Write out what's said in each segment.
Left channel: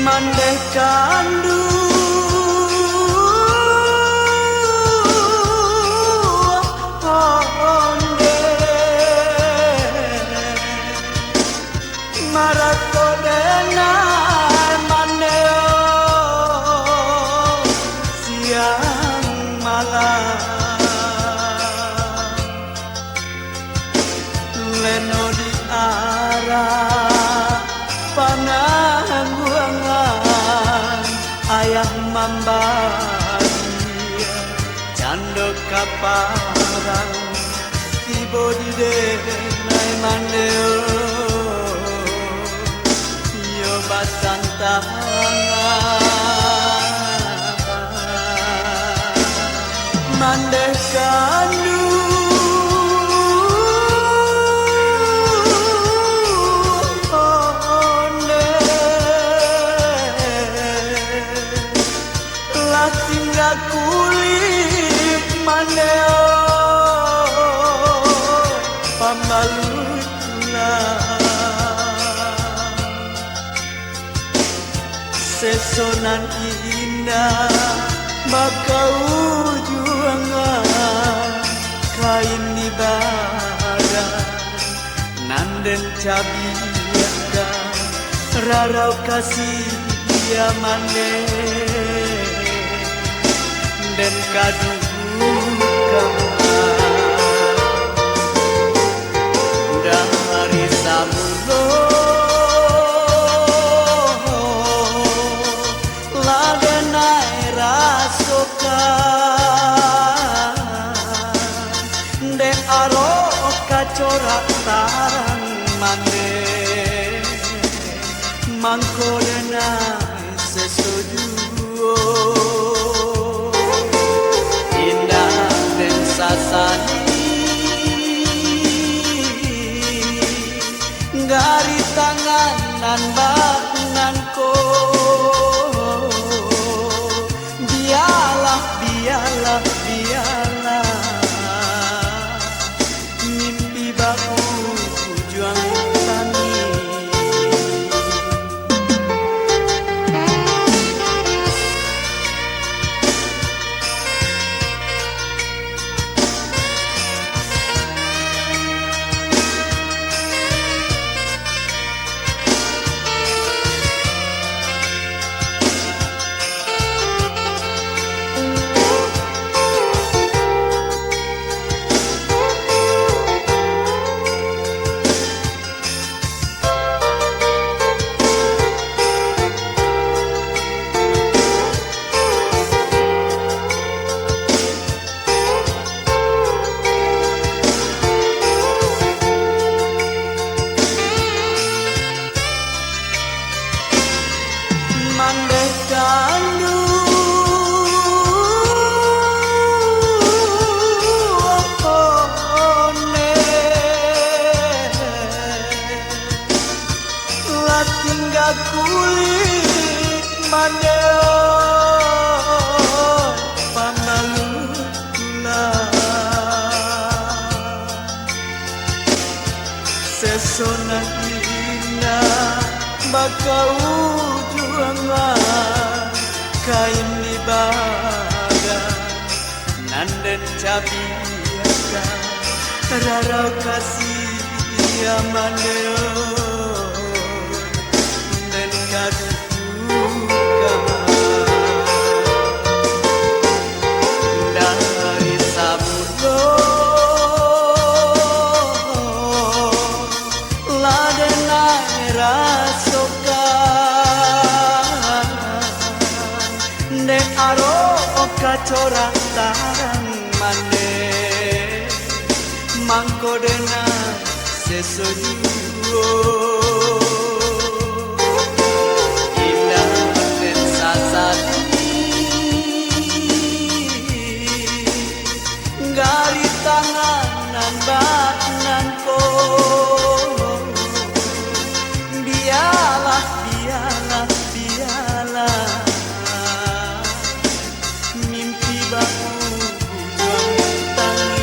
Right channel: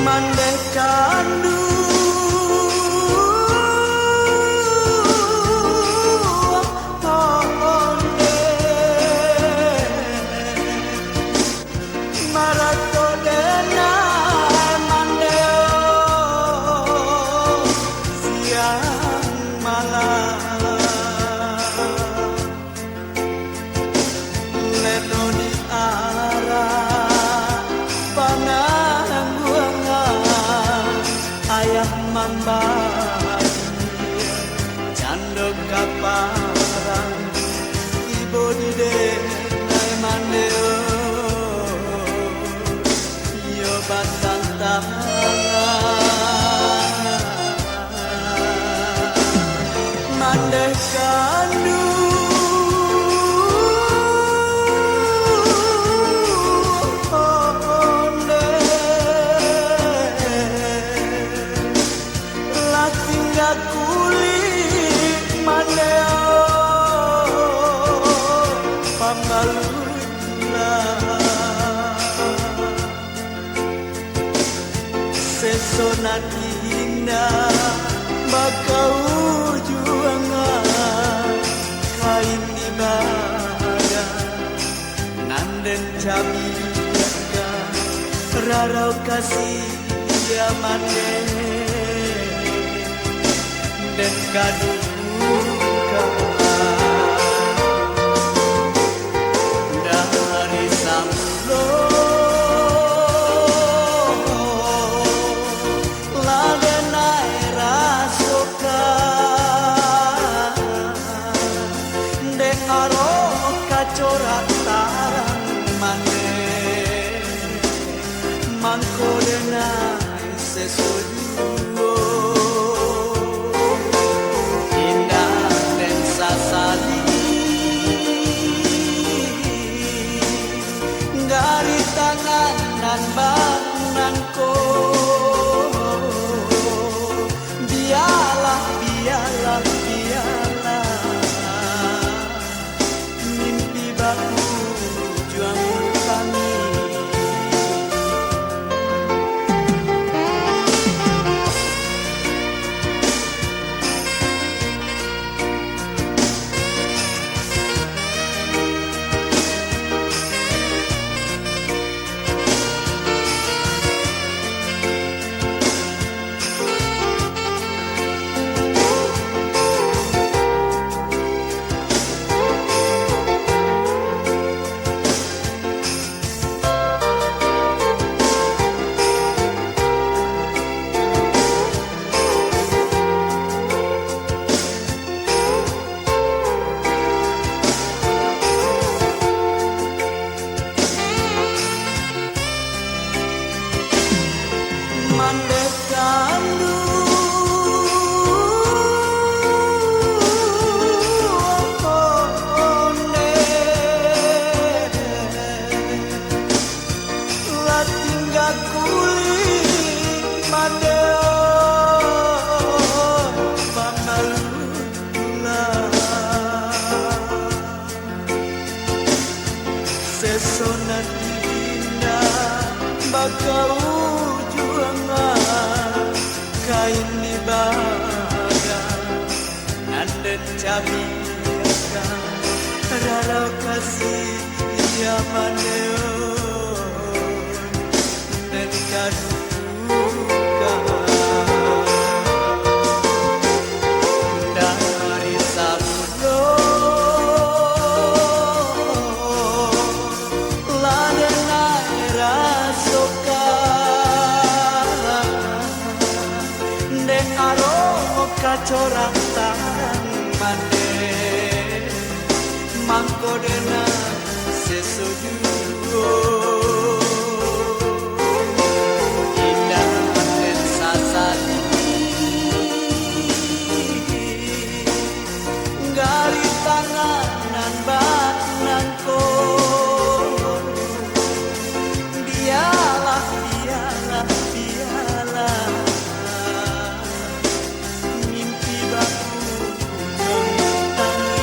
mandeh candu onde marato denai mandeo siang malam leno di arah panangguangan ayah mambadi cando kaparang tibo di denai mandeo yo batang tangan mandeh kandu kulit mandeo pambalutula sesonan indah bakau juangan kain di badan nanden cabiaka rarau kasih ya mandeo dan kaduka dari samulo ladenai rasoka de aro kacorak tarang mane mangko denai sesujuo sasali gari tanganan baknanko biarlah biarlah biarlah mimpi baku juang tani mandeh kandu onde lah tinggal kulit mandeo panalutula sesona indah bakau kain di badan nanden cabiaka rarau kasih ya mandeo dan kaduka dari sabulo ladenai rasoka de aro kacorak tarang mane mangko dena sesojuo indah dan sasadi gari tanganan baknanko biarlah biarlah biarlah mimpi baku juang tani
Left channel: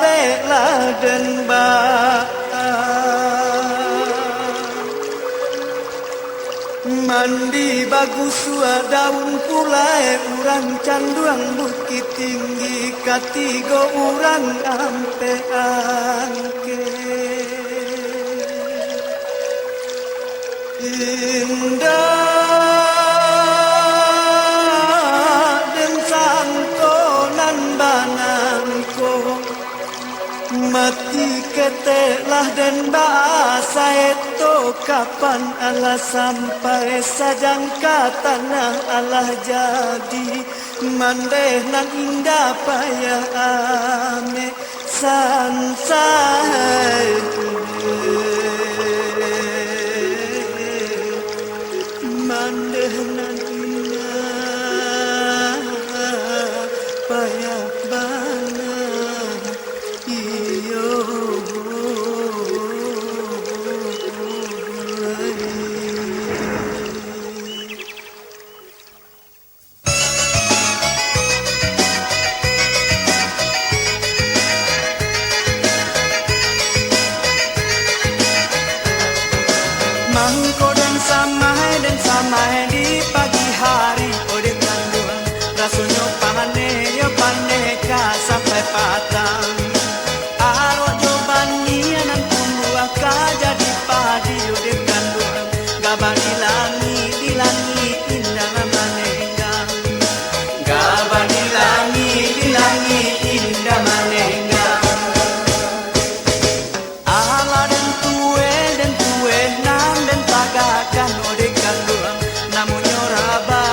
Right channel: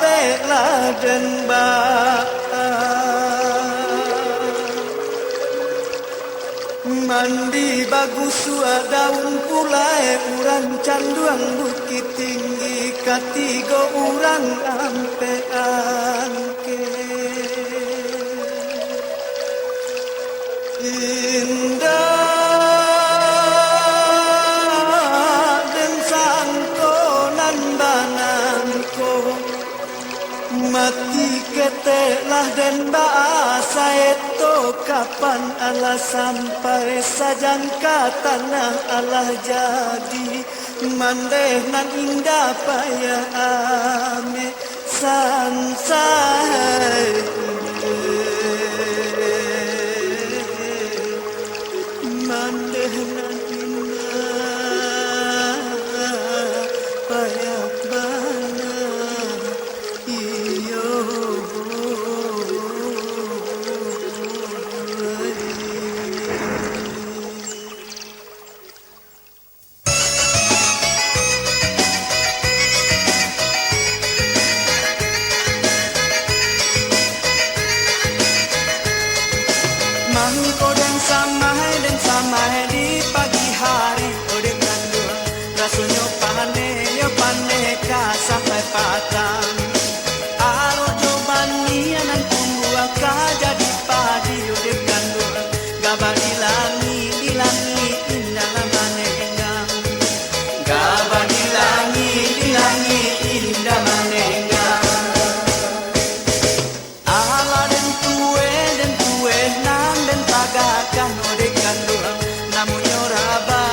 bela dan ba mandi bagus sua daun pulai urang canduang bukit tinggi katigo urang ampe angke indah dan sangko nan banangko mati ketelah dan bahasa itu kapan Allah sampai sajangka tanah Allah jadi mandeh nan indah payah ame sansai mandeh nan indah payah bana iyo mangko dan samai di pagi hari ode kandung rasanya pane ka sampai patang aro joban nianan tumbuh ka jadi padi ode kandung gabang ilangi indah manengang gabang ilangi indah manengang ala dan tue nang dan tagakan ode kandung namun yoraba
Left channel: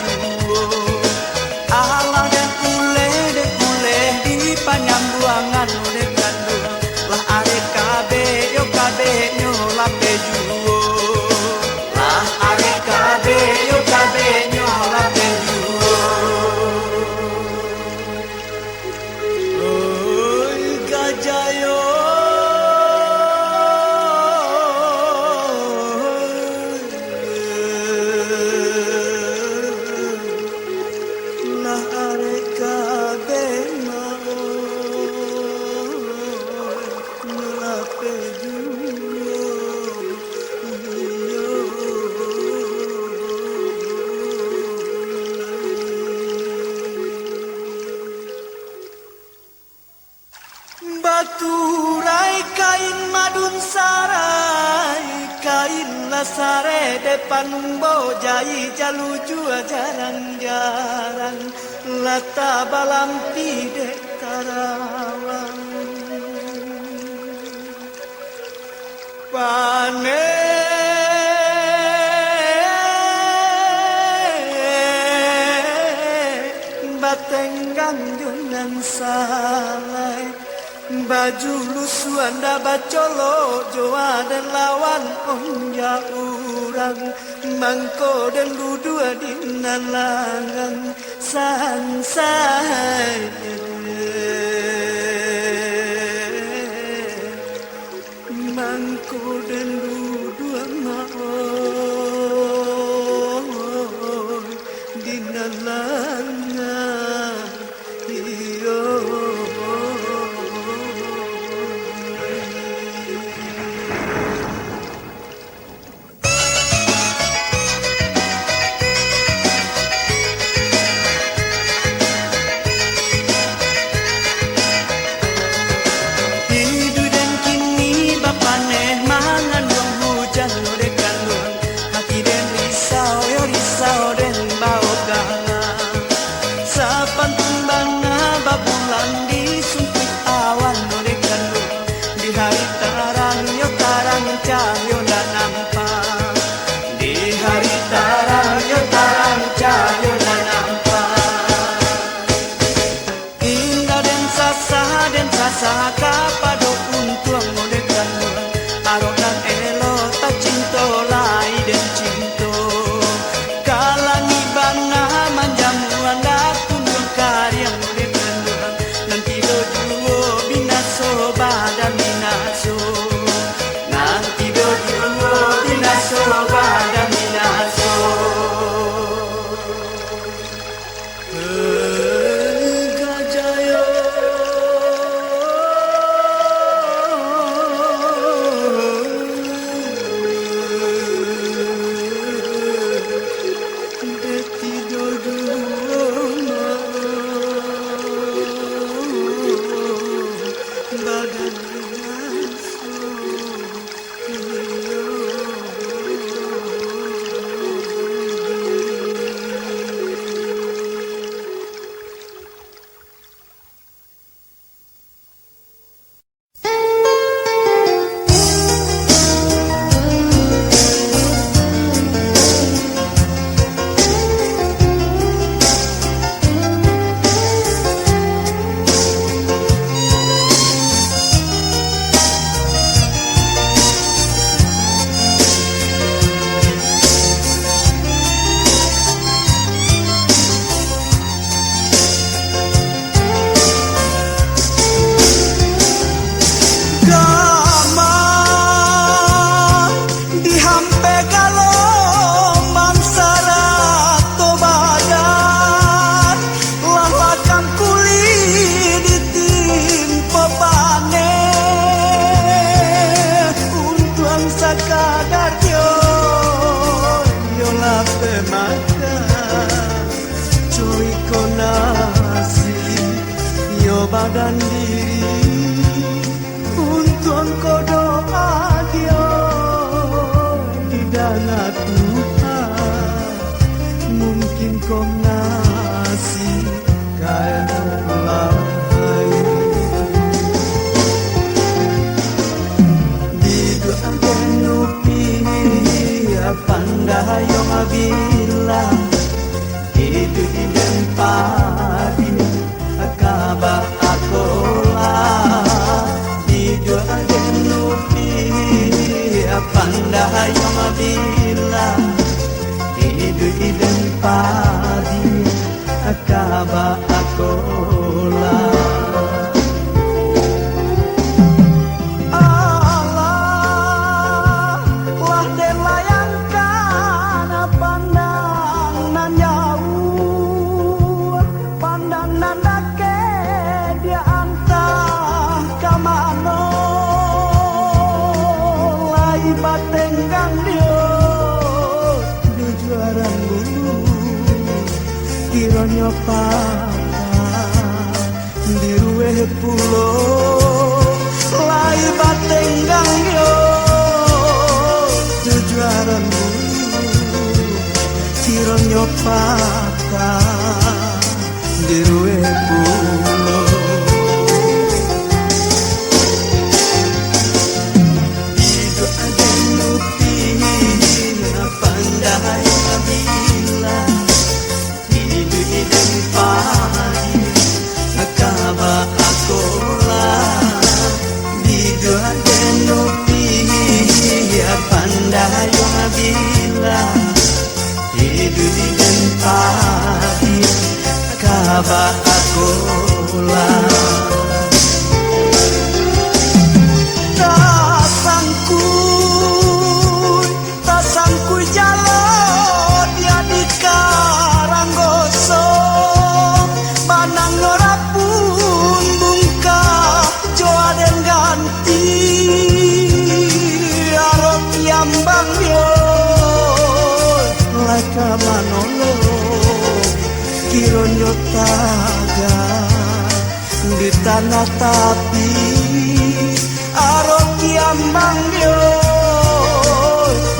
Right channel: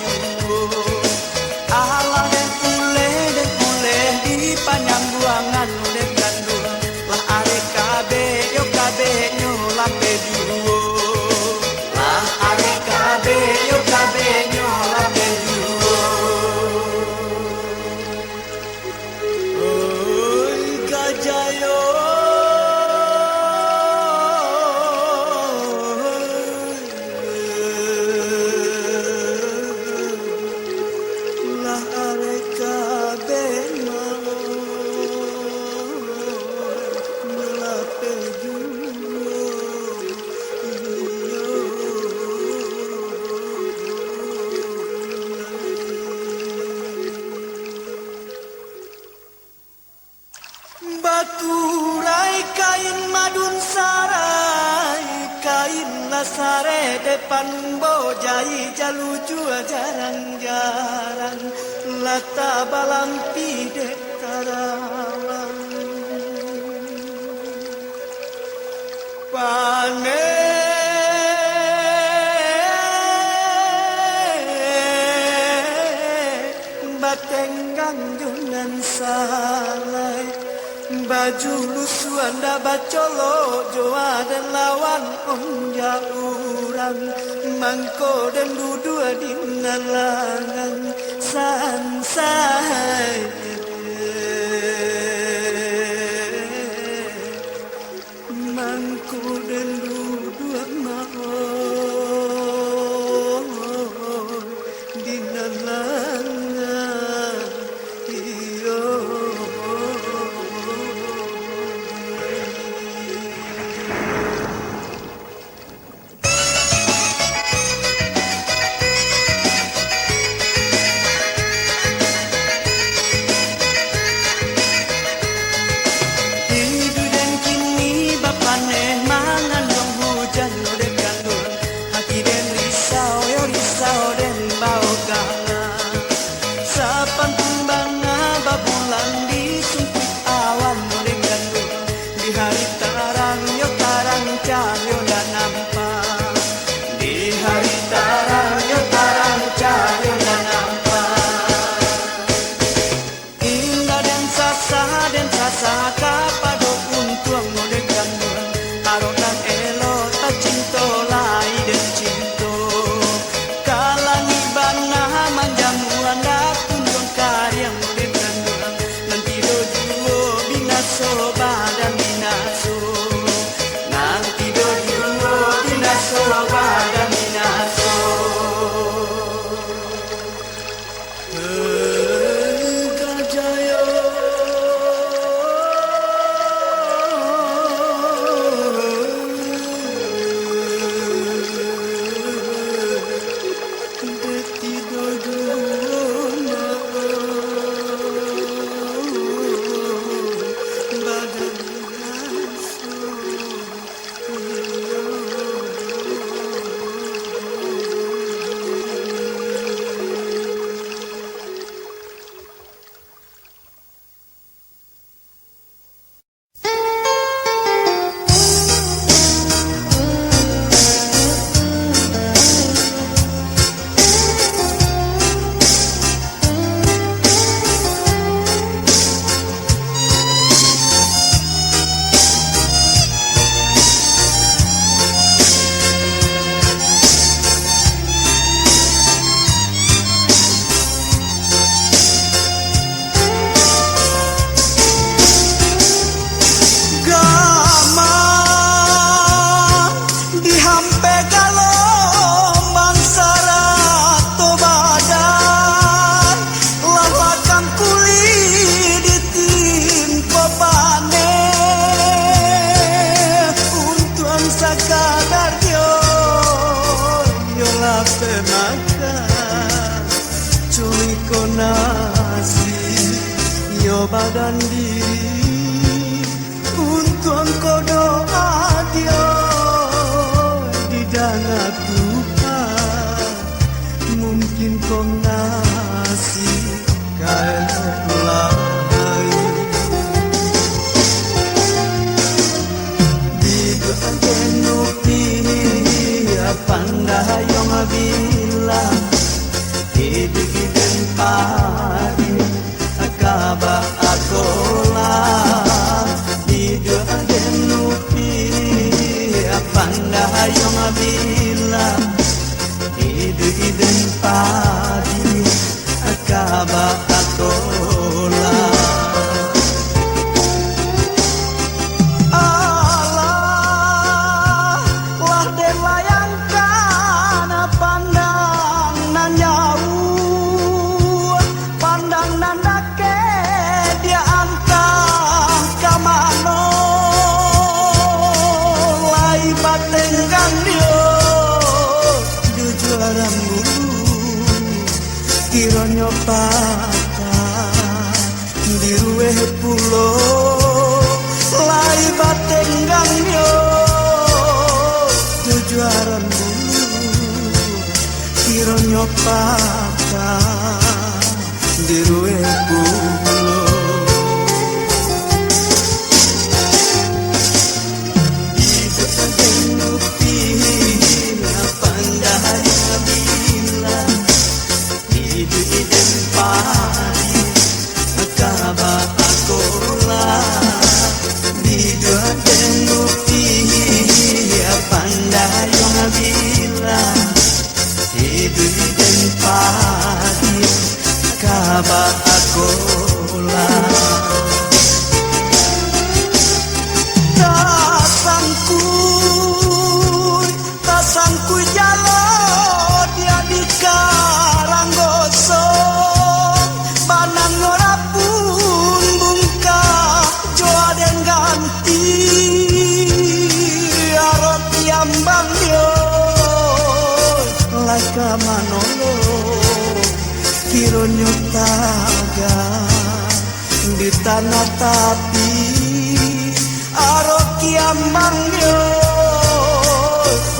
juo ala dan ule di panyambuangan ode kandung lah are kabe nyola pejuo lah are kabe nyola pejuo oi gajayo baturai kain madun sarai kain lasare depan bojai jalu jua jarang lata balampi dek karawang pane batenggang junan salai baju lusuanda bacolo joa dan lawan onja urang mangko dan dudua di nalangan sansai mangko dan dudua mau di nalangan iyo cahyo dan nampak di hari tarang cahyo dan nampak indah dan sasa kapado untuang ngode kandung aro dan elo tak cinto lai dan cinto kalani bana manjamuan datun karyang ngode kandung nanti dojuo binaso badan binaso binaso pada binaso gajayo konasi yo badan diri untuk engkau doa dia di dana Tuhan mungkin kau ngasih kalau lain di doa genupi pandai yang bila hidup dan padi akaba akola di doa genupi pandai yang bila hidup dan padi akaba akola kironyo patah di ruwe pulo lai batenggang yo tujuaran bulu kironyo patah di ruwe pulo itu ada nupi pandai bila dan padi akaba akola di doa genupi pandai yang bila hidup dan padi akaba akola tasangkui jalo dia di karanggoso banang ngorapun bungkah joa dan ganti arok yambang yo laka manolo kironyo taga di tanah tapi arok yambang yo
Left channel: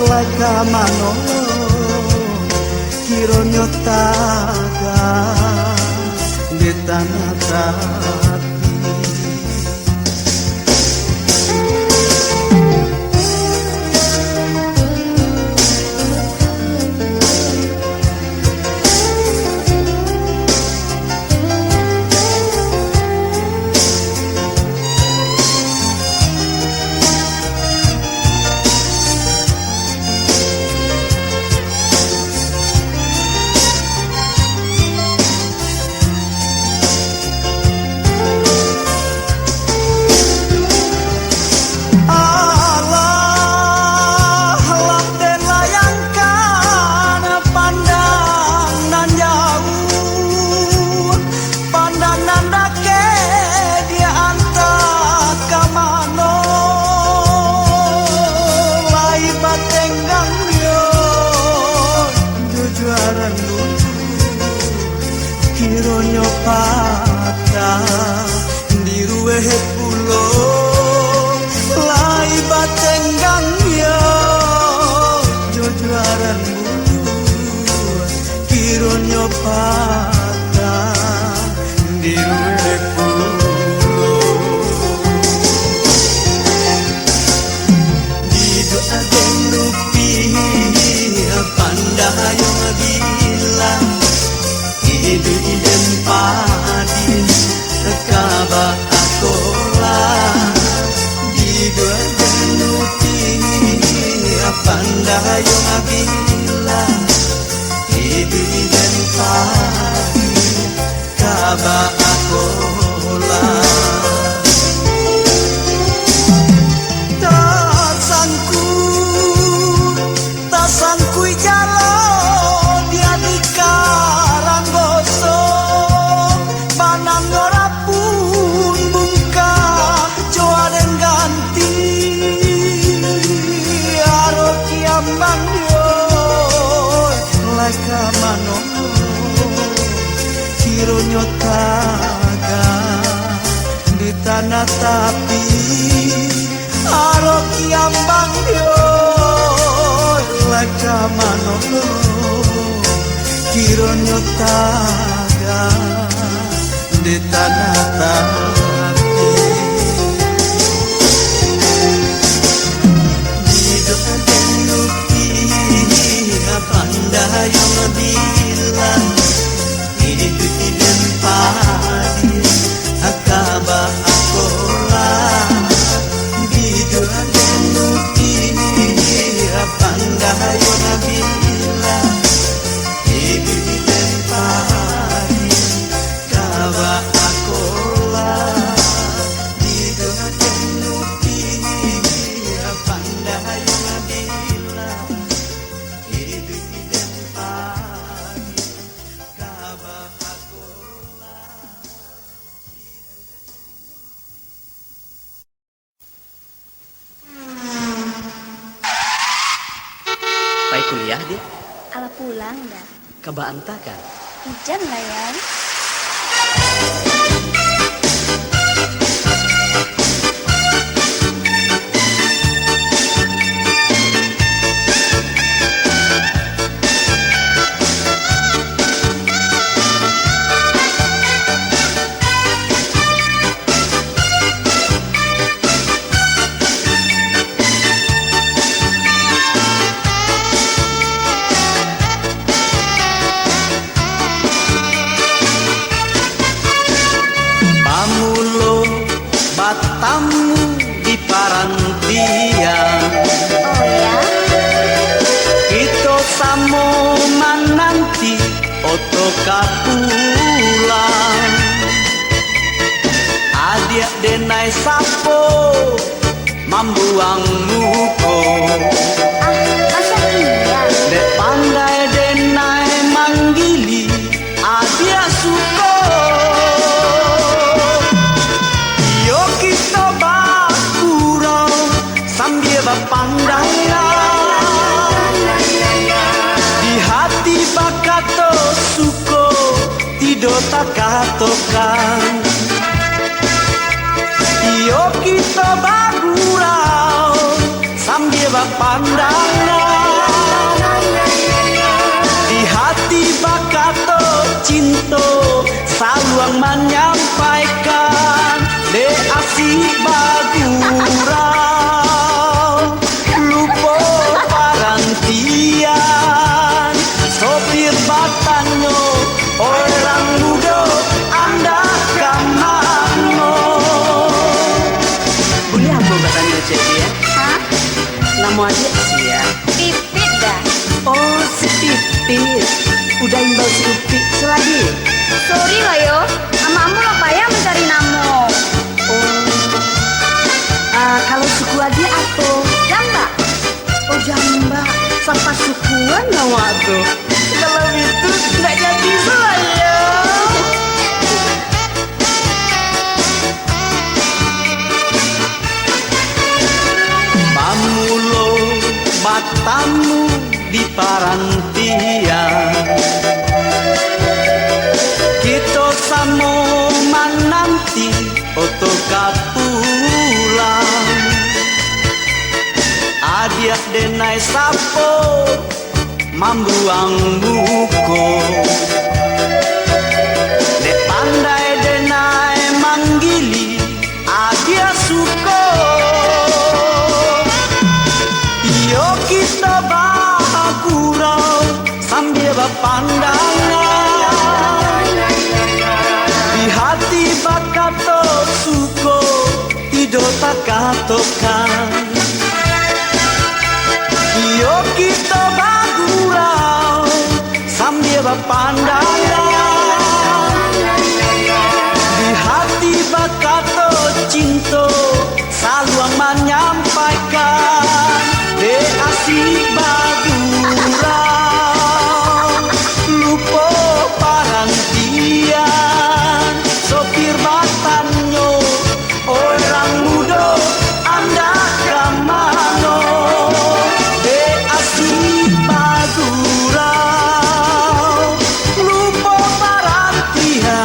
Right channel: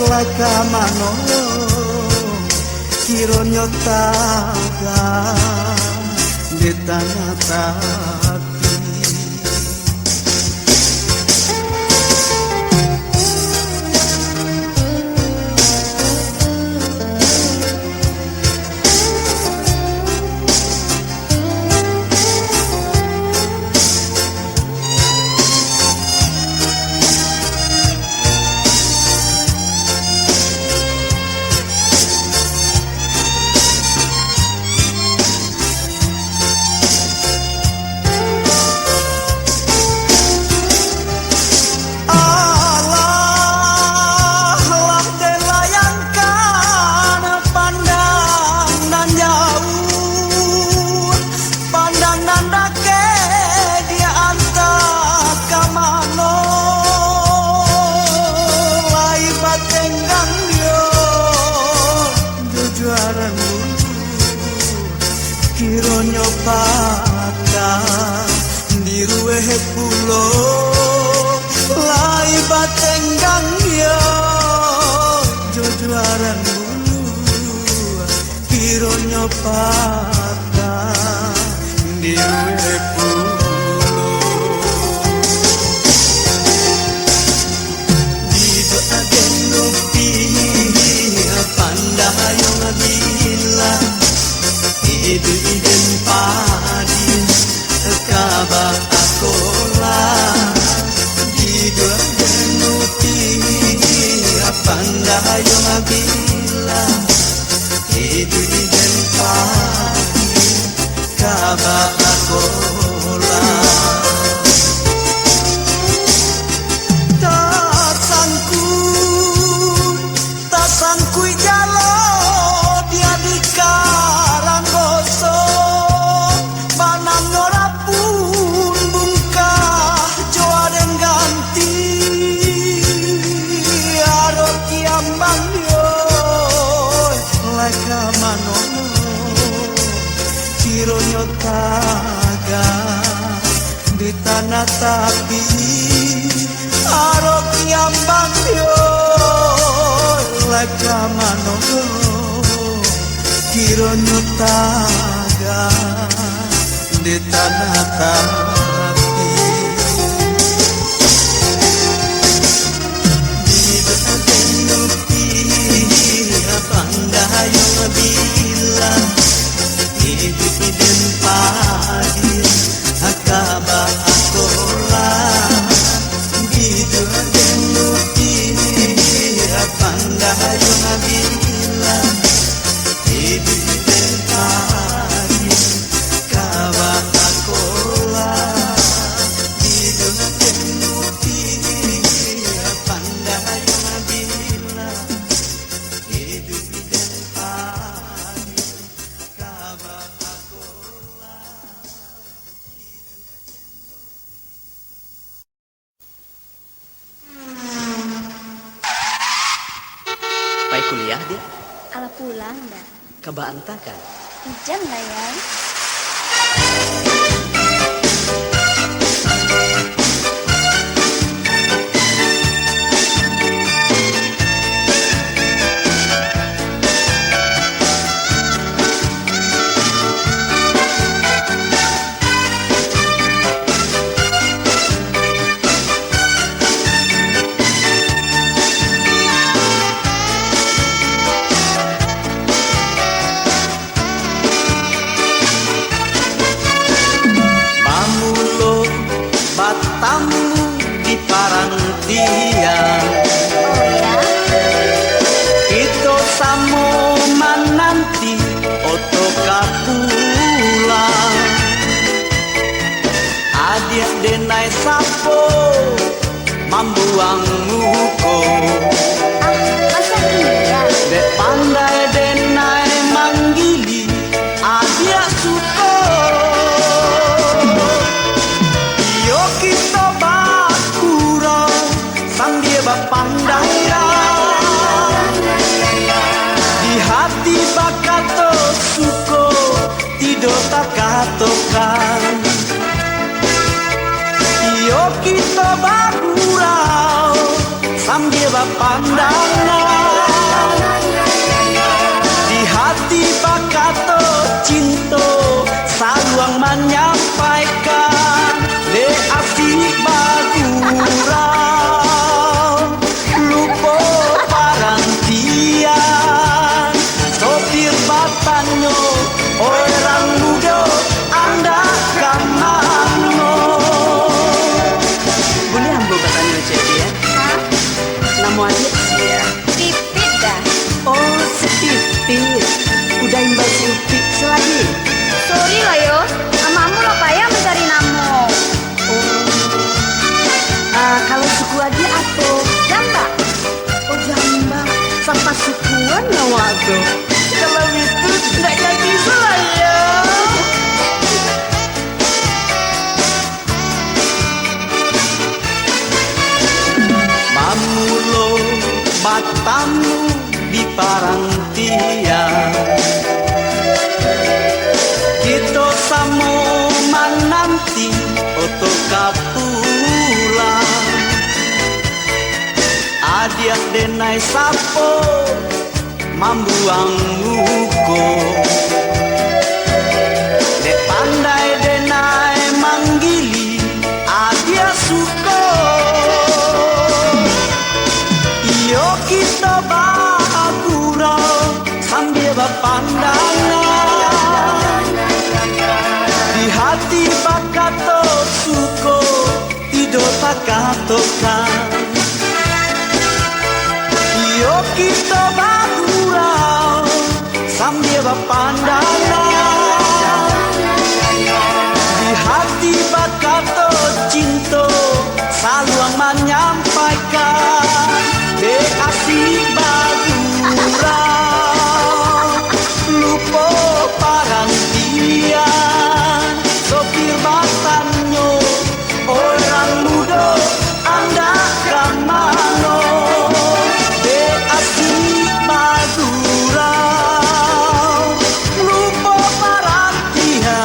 laka manolo kironyo taga di tanah tapi kironyo patah di ruwe pulo lai batenggang yo jojuaran bulu kironyo patah di ruwe pulo di doa genupi pandai yang bila hidup dan padi akaba akola di doa genupi pandai yang bila hidup dan padi akaba akola tasangkui jalo dia di karanggoso banang ngorapun bungkah joa dan ganti arok kiambang yo laka manono kironyo taga di tanah tapi aro kiambang yo leka manono kironyo taga di tanah tapi hidup denuki pandayong bilang hidup dan padi akaba akolah hidup denuki pandayong bilang hidup dan padi akaba akolah hidup denuki pandayong bilang hidup dan padi akaba akolah. Pai kuliah dia? Ala pulang dah. Kebaanta kan? Ijan lah ya. Pamulo batamu di parantian Oh ya? Ito samo mananti oto kapulang Adik denai sapo mambuang muko Ah, masa iya? Dek pandai denai manggili adik suko Iyo kita bakura sambil bapandang Di hati bakato suko tido takatokan Iyo kita bagurau sambil bapandang Di hati bakato cinto saluang menyampaikan de asik bagurau lupo parantian sopir batanyo orang muda anda kamano Boleh ambil batanyo cek ya? Hah? Nama adik sih ya? Pipit dah. Oh si Pipit. Udah imbal si Pipit selagi? Sorry lah yo. Namamu lo payah mencari namo. Kalau suku adik apa? Jamba. Oh jamba. Sampai sukuan nama tuh. Kalau itu tidak jadi saya. Pamulo batamu di parantian Kita samo mananti oto kapulang Adiak denai sapo mambuang muko Dek pandai denai manggili adia suko Iyo kita bagurau sambil berpandangan Di hati bakato suko tido takatokan Iyo kita bagurau sambil berpandangan Di hati bakato cinto saluang menyampaikan de asik bagurau lupo parantian sopir batanyo orang muda anda kamano de asik bagurau lupo parantian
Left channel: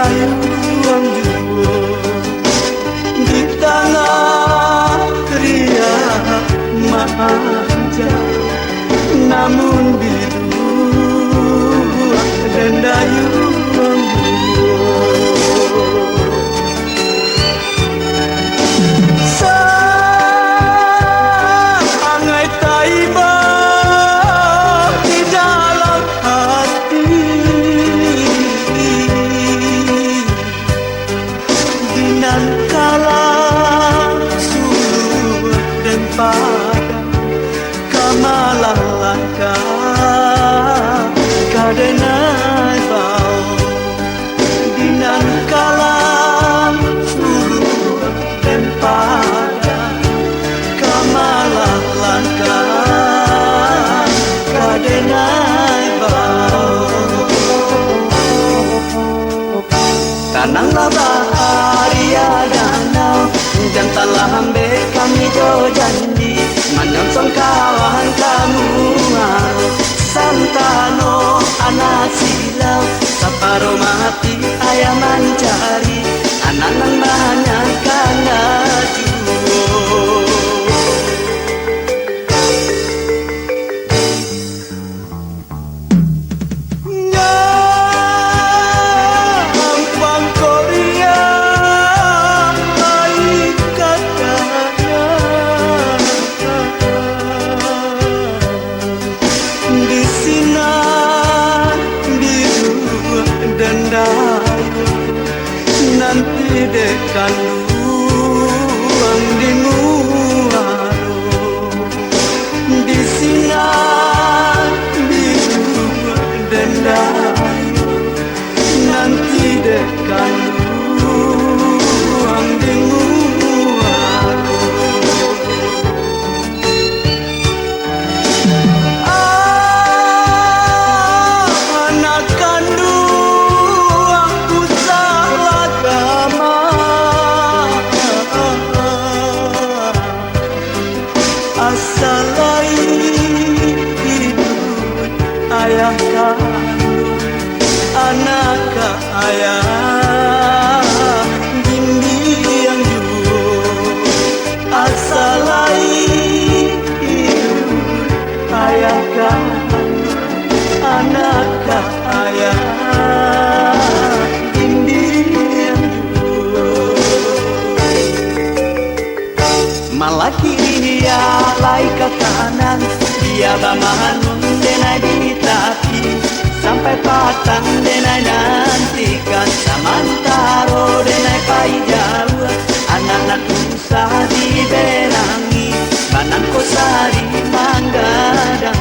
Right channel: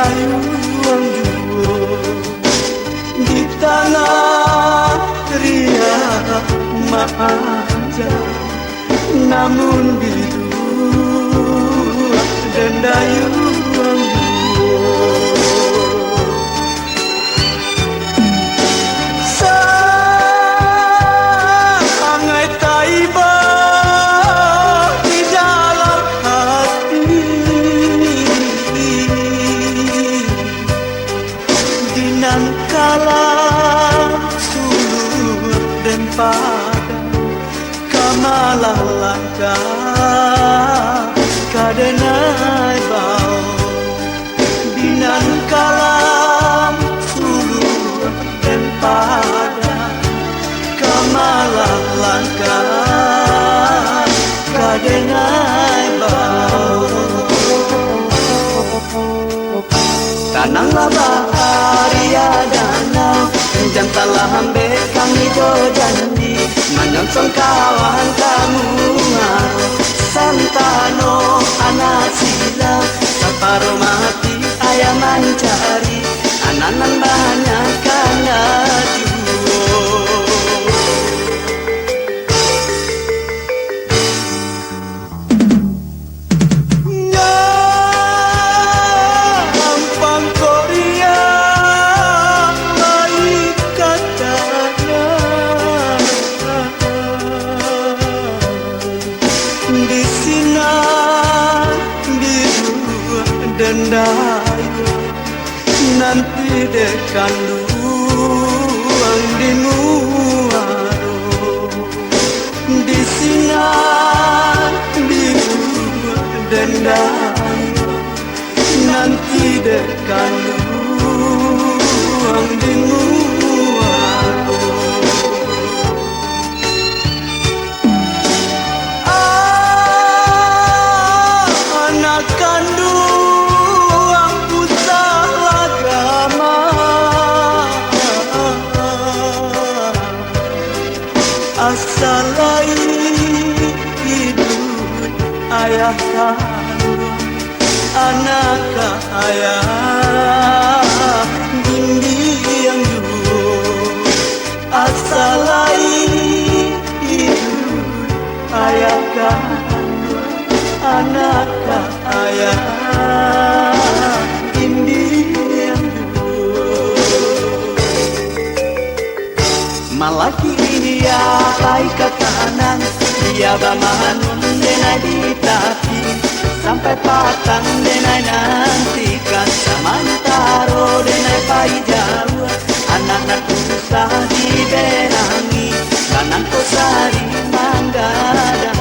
dayuang juo di tanah riak manja, namun bidu dan dayuang juo sangai taiba di dalam hati, dinan kala suluh dan padang kamalah langkah kadenai bau, dinan kala suluh dan padang kamalah langkah kadenai bau. Kananglah baharia danau jantalah hambe kami jo janji menyongsong kawan kamu aro santano anak silau saparo mati ayam mencari anak-anak banyak karena nanti dekan luang di muaro di sinar di dan dayu nanti dekan luang di muaro anak kandung asalai hidup ayah kandung anak ayah gindi yang juo asalai hidup ayah kandung anak ayah gindi yang juo malaki dia lai ke kanan dia bamanun denai di tapi sampai patang denai nantikan samantaro denai pai jauh anak-anak usah diberangi kanan kosari manggadangkan.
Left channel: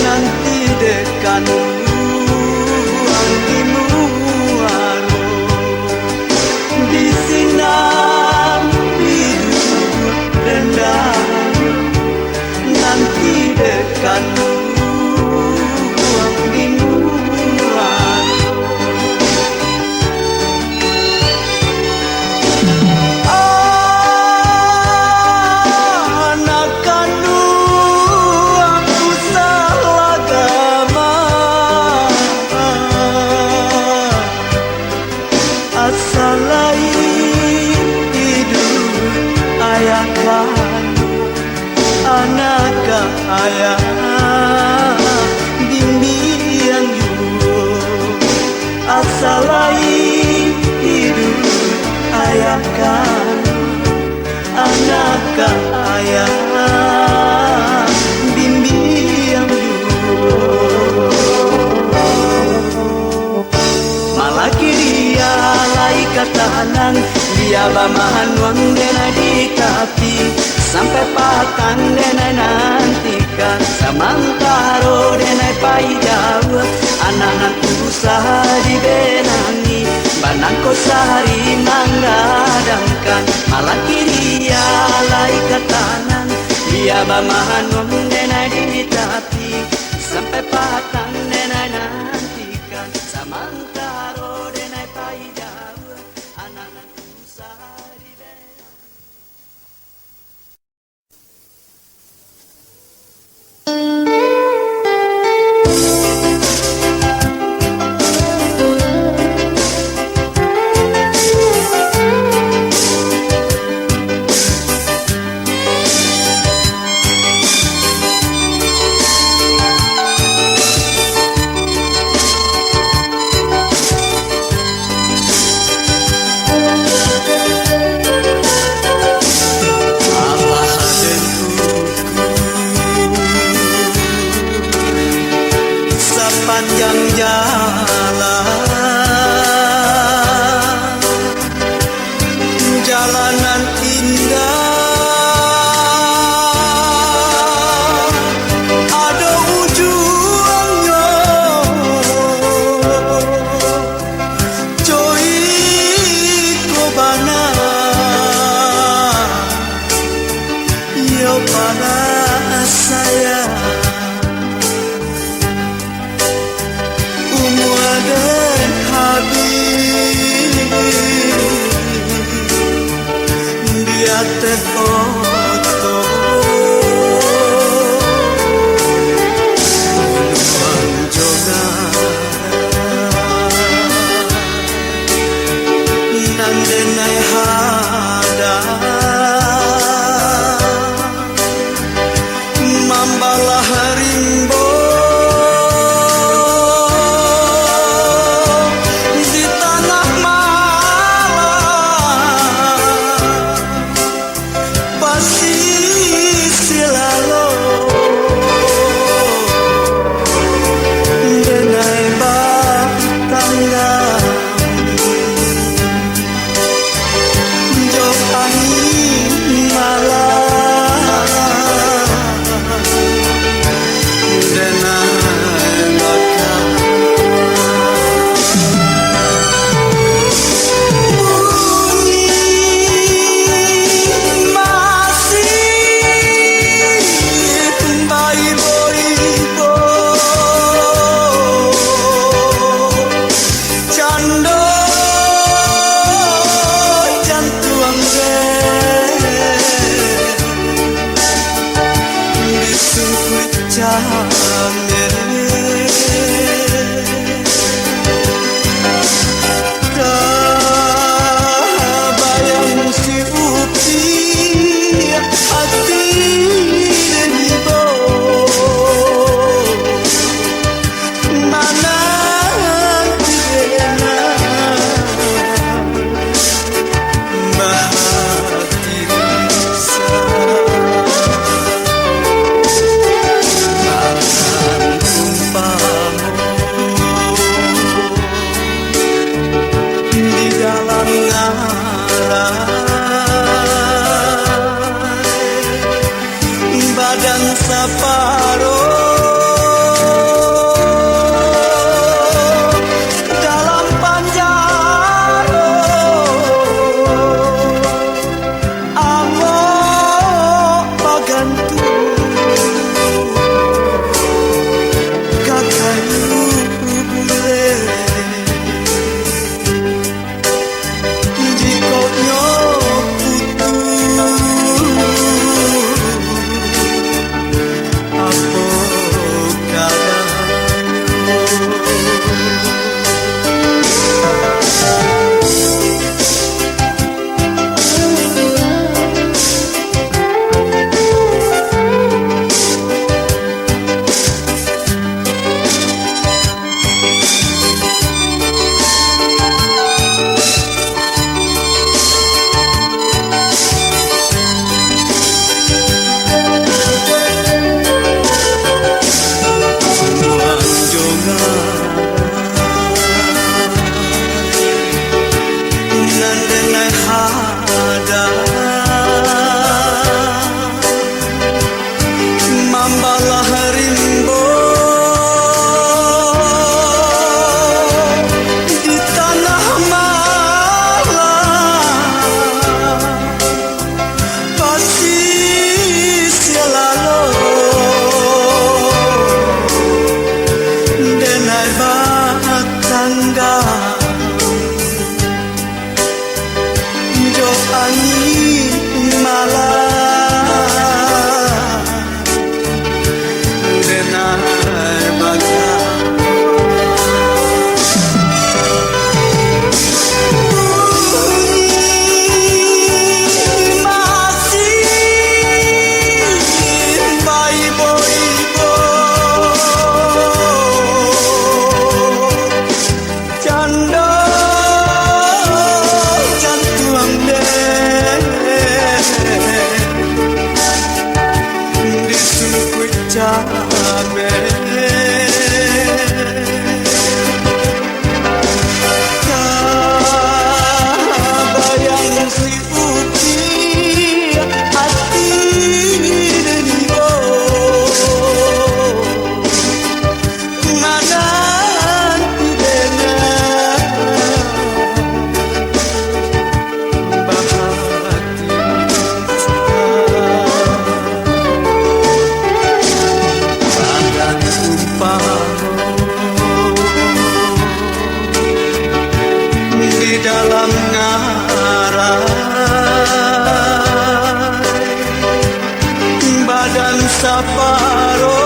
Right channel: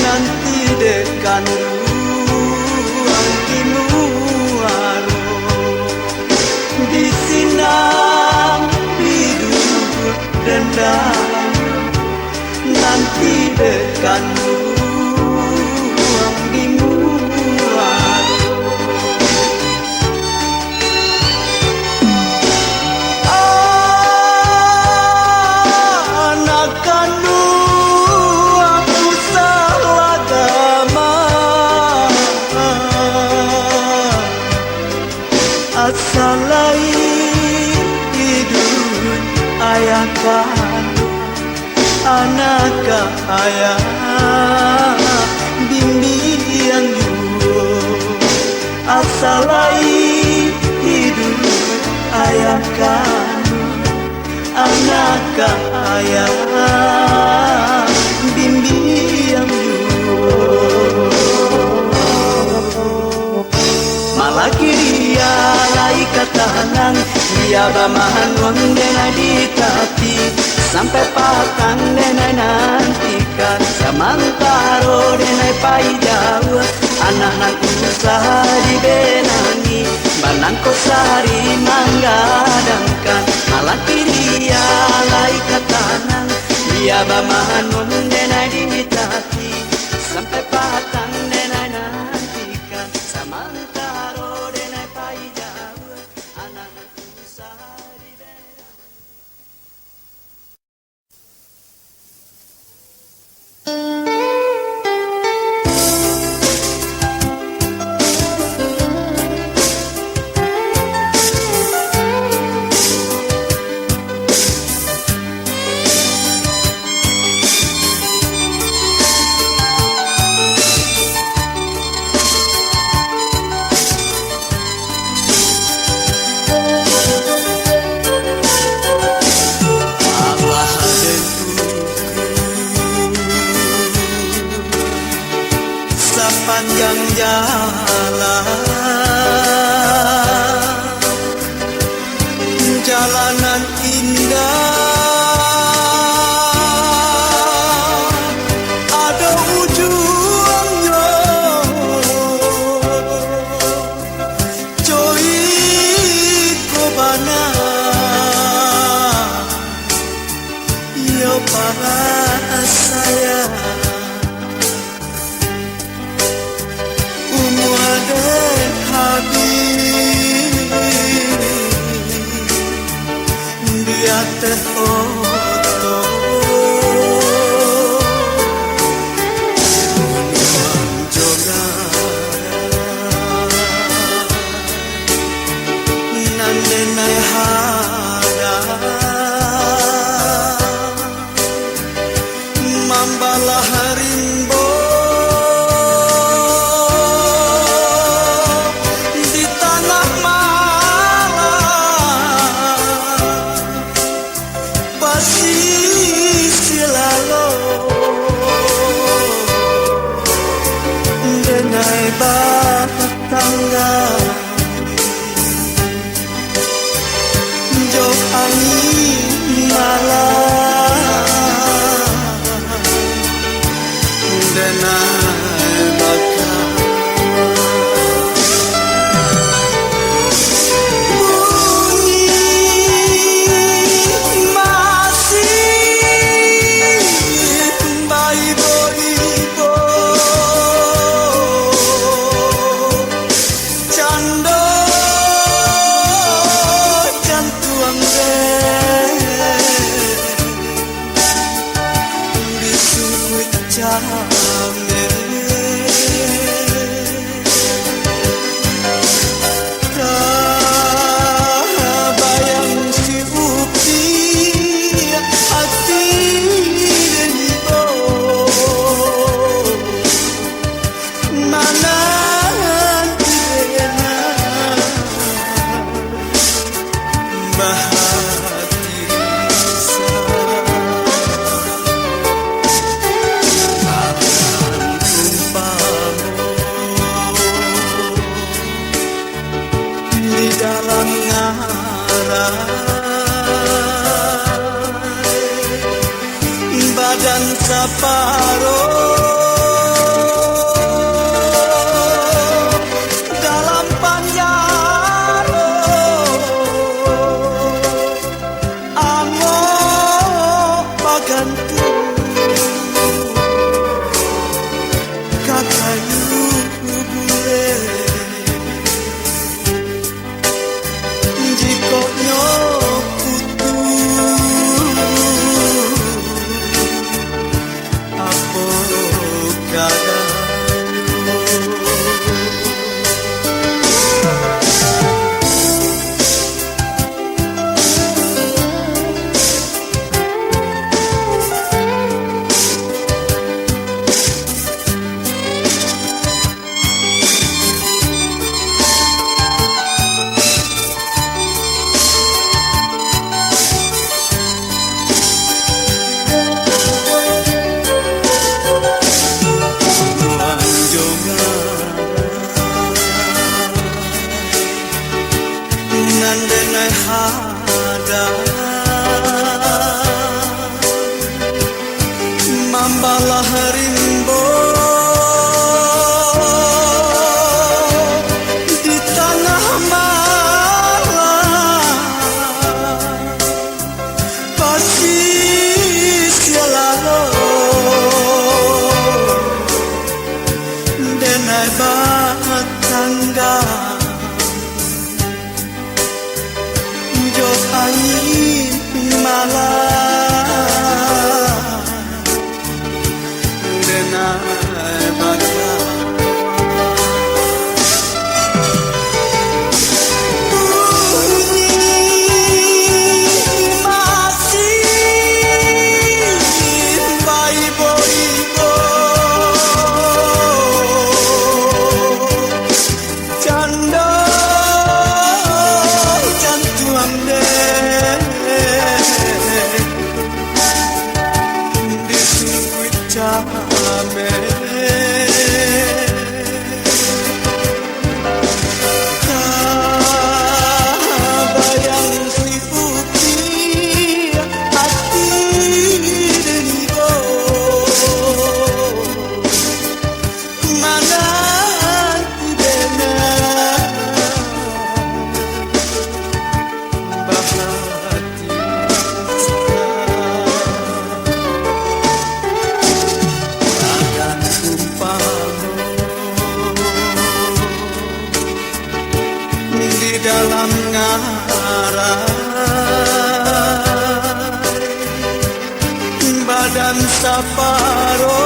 Nanti dekan luang di muaro di sinar hidup dan dayu nanti dekan luang di muaro anak kandung asalai hidup ayah kandung anak ayah bimbing juo asalai hidup ayah kandung anak ayah bimbing kanan, dia bamahan wondena di kaki, sampai patang denai nantikan, samantaro denai pai jauh, anahan usaha di benangi, banangko sehari manggadangkan, malah kiri alai ke kanan, dia bamahan wondena di kaki, sampai patang denai nantikan, samantaro denai pai jauh, anahan usaha di benangi. Sepanjang jalanan indah, ada ujungnya, coy kobana, yo para saya. Dan habis dia terfoto gunung joga nandenai hada mambalah rimbo badan separuh dalam panjaro amo bagantu kakayu bule di koknyo putu apa angin malam denai baca dalam ngarai badan saparo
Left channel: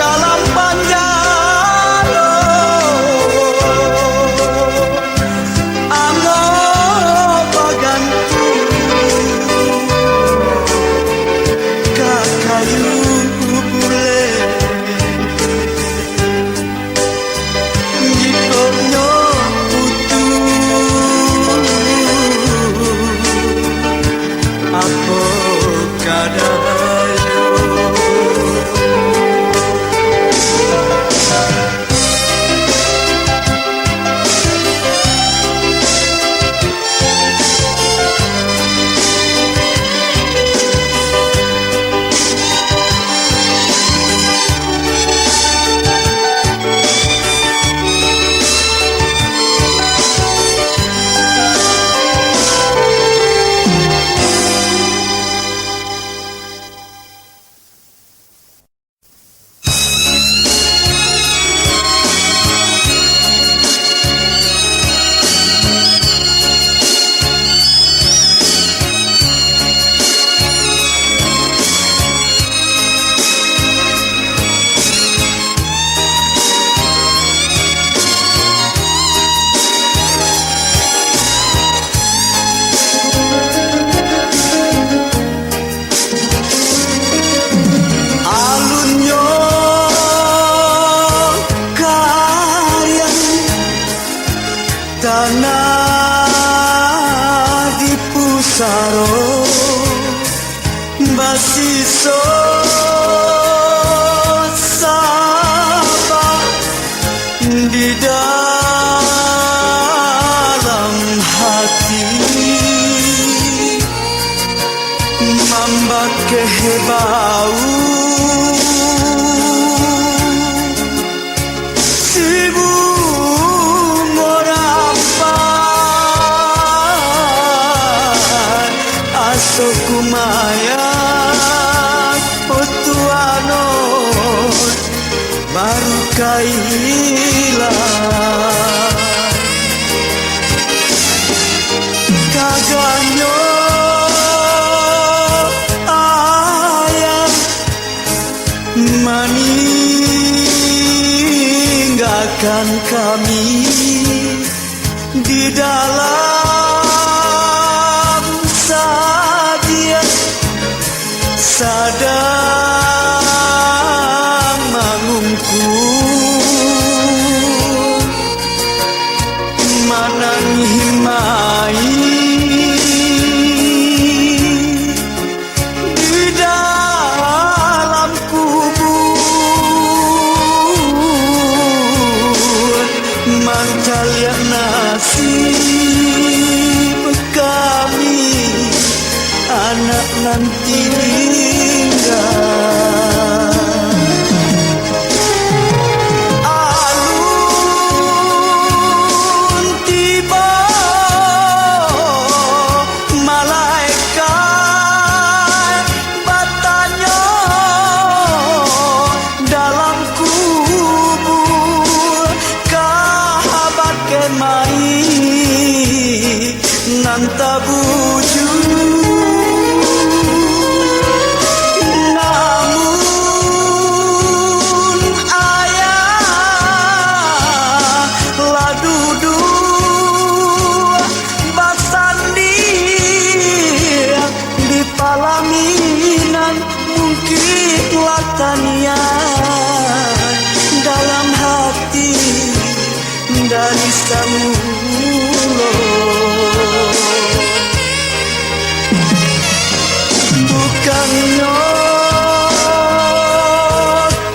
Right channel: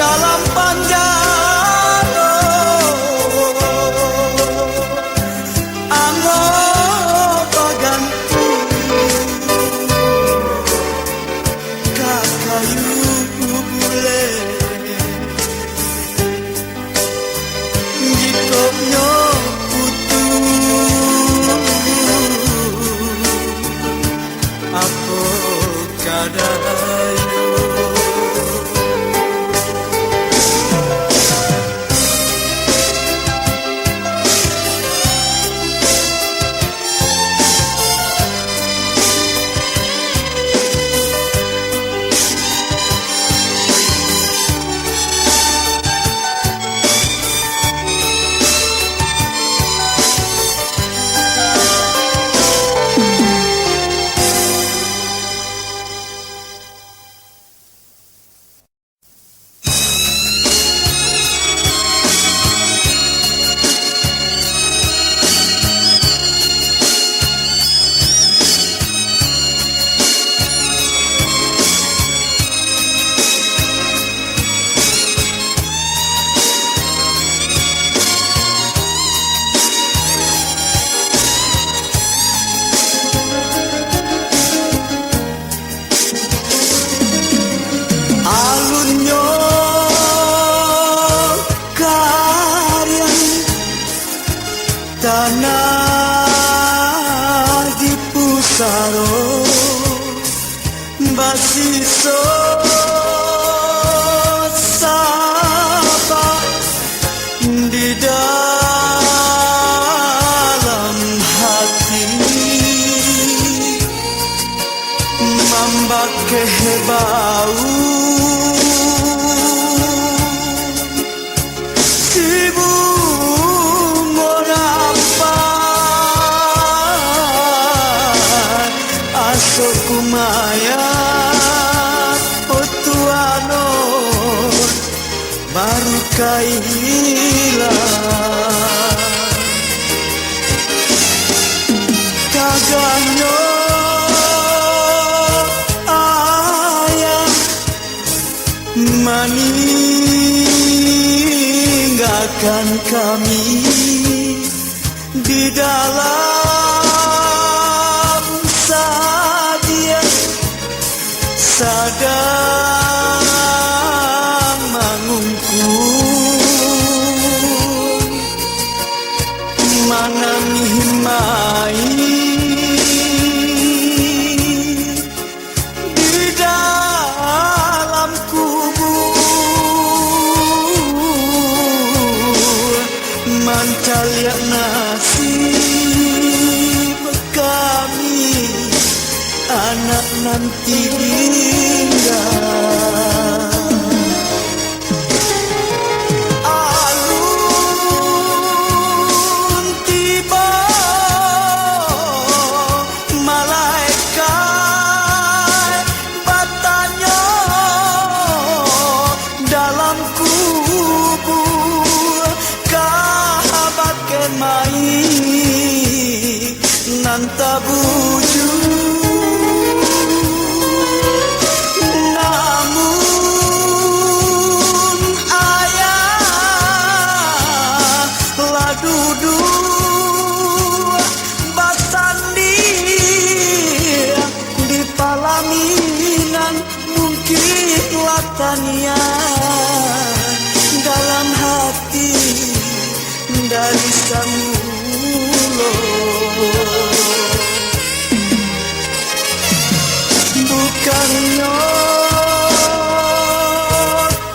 dalam panjalo ano bagantu kakayu bule tanah di pusaro basiso sapa di dalam hati mambake hebau Sokumaya otuano baru kaila kaganyo ayah meninggalkan kami di dalam sadang mangungku mananghimai di dalam kubur mantal ya nasib kami anak nanti alun tiba malaikat batanya dalam kubur kahabat ke mai nan tabuju namun ayah la dudu basandi di palaminan mungkin latania dalam hati dari samulo bukannya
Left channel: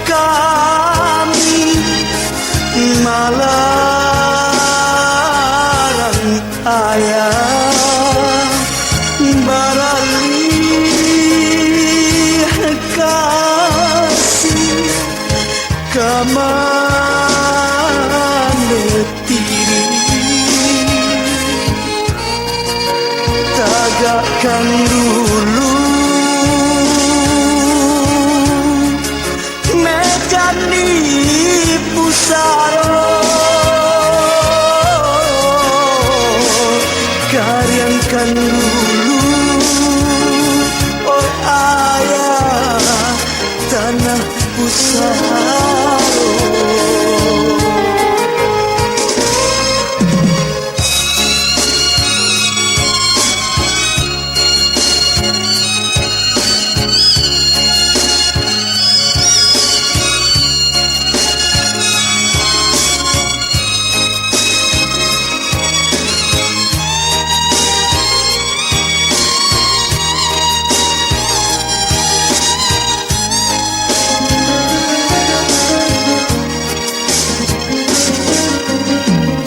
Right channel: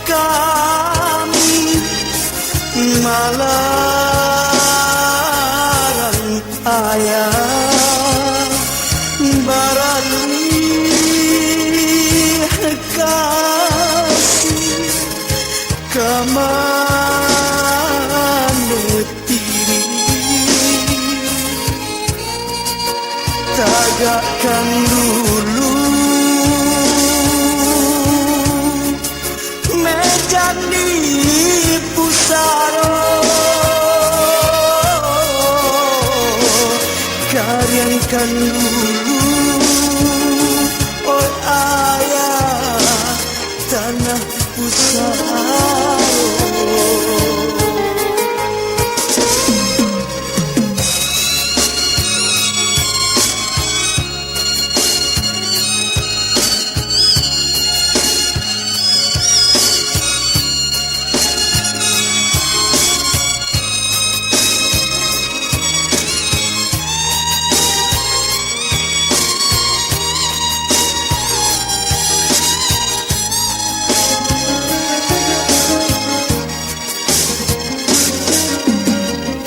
kami malarang ayah baralih kasih kamanetiri tagakkan dulu medan di pusaro karyankan dulu oh ayah tanah pusaro.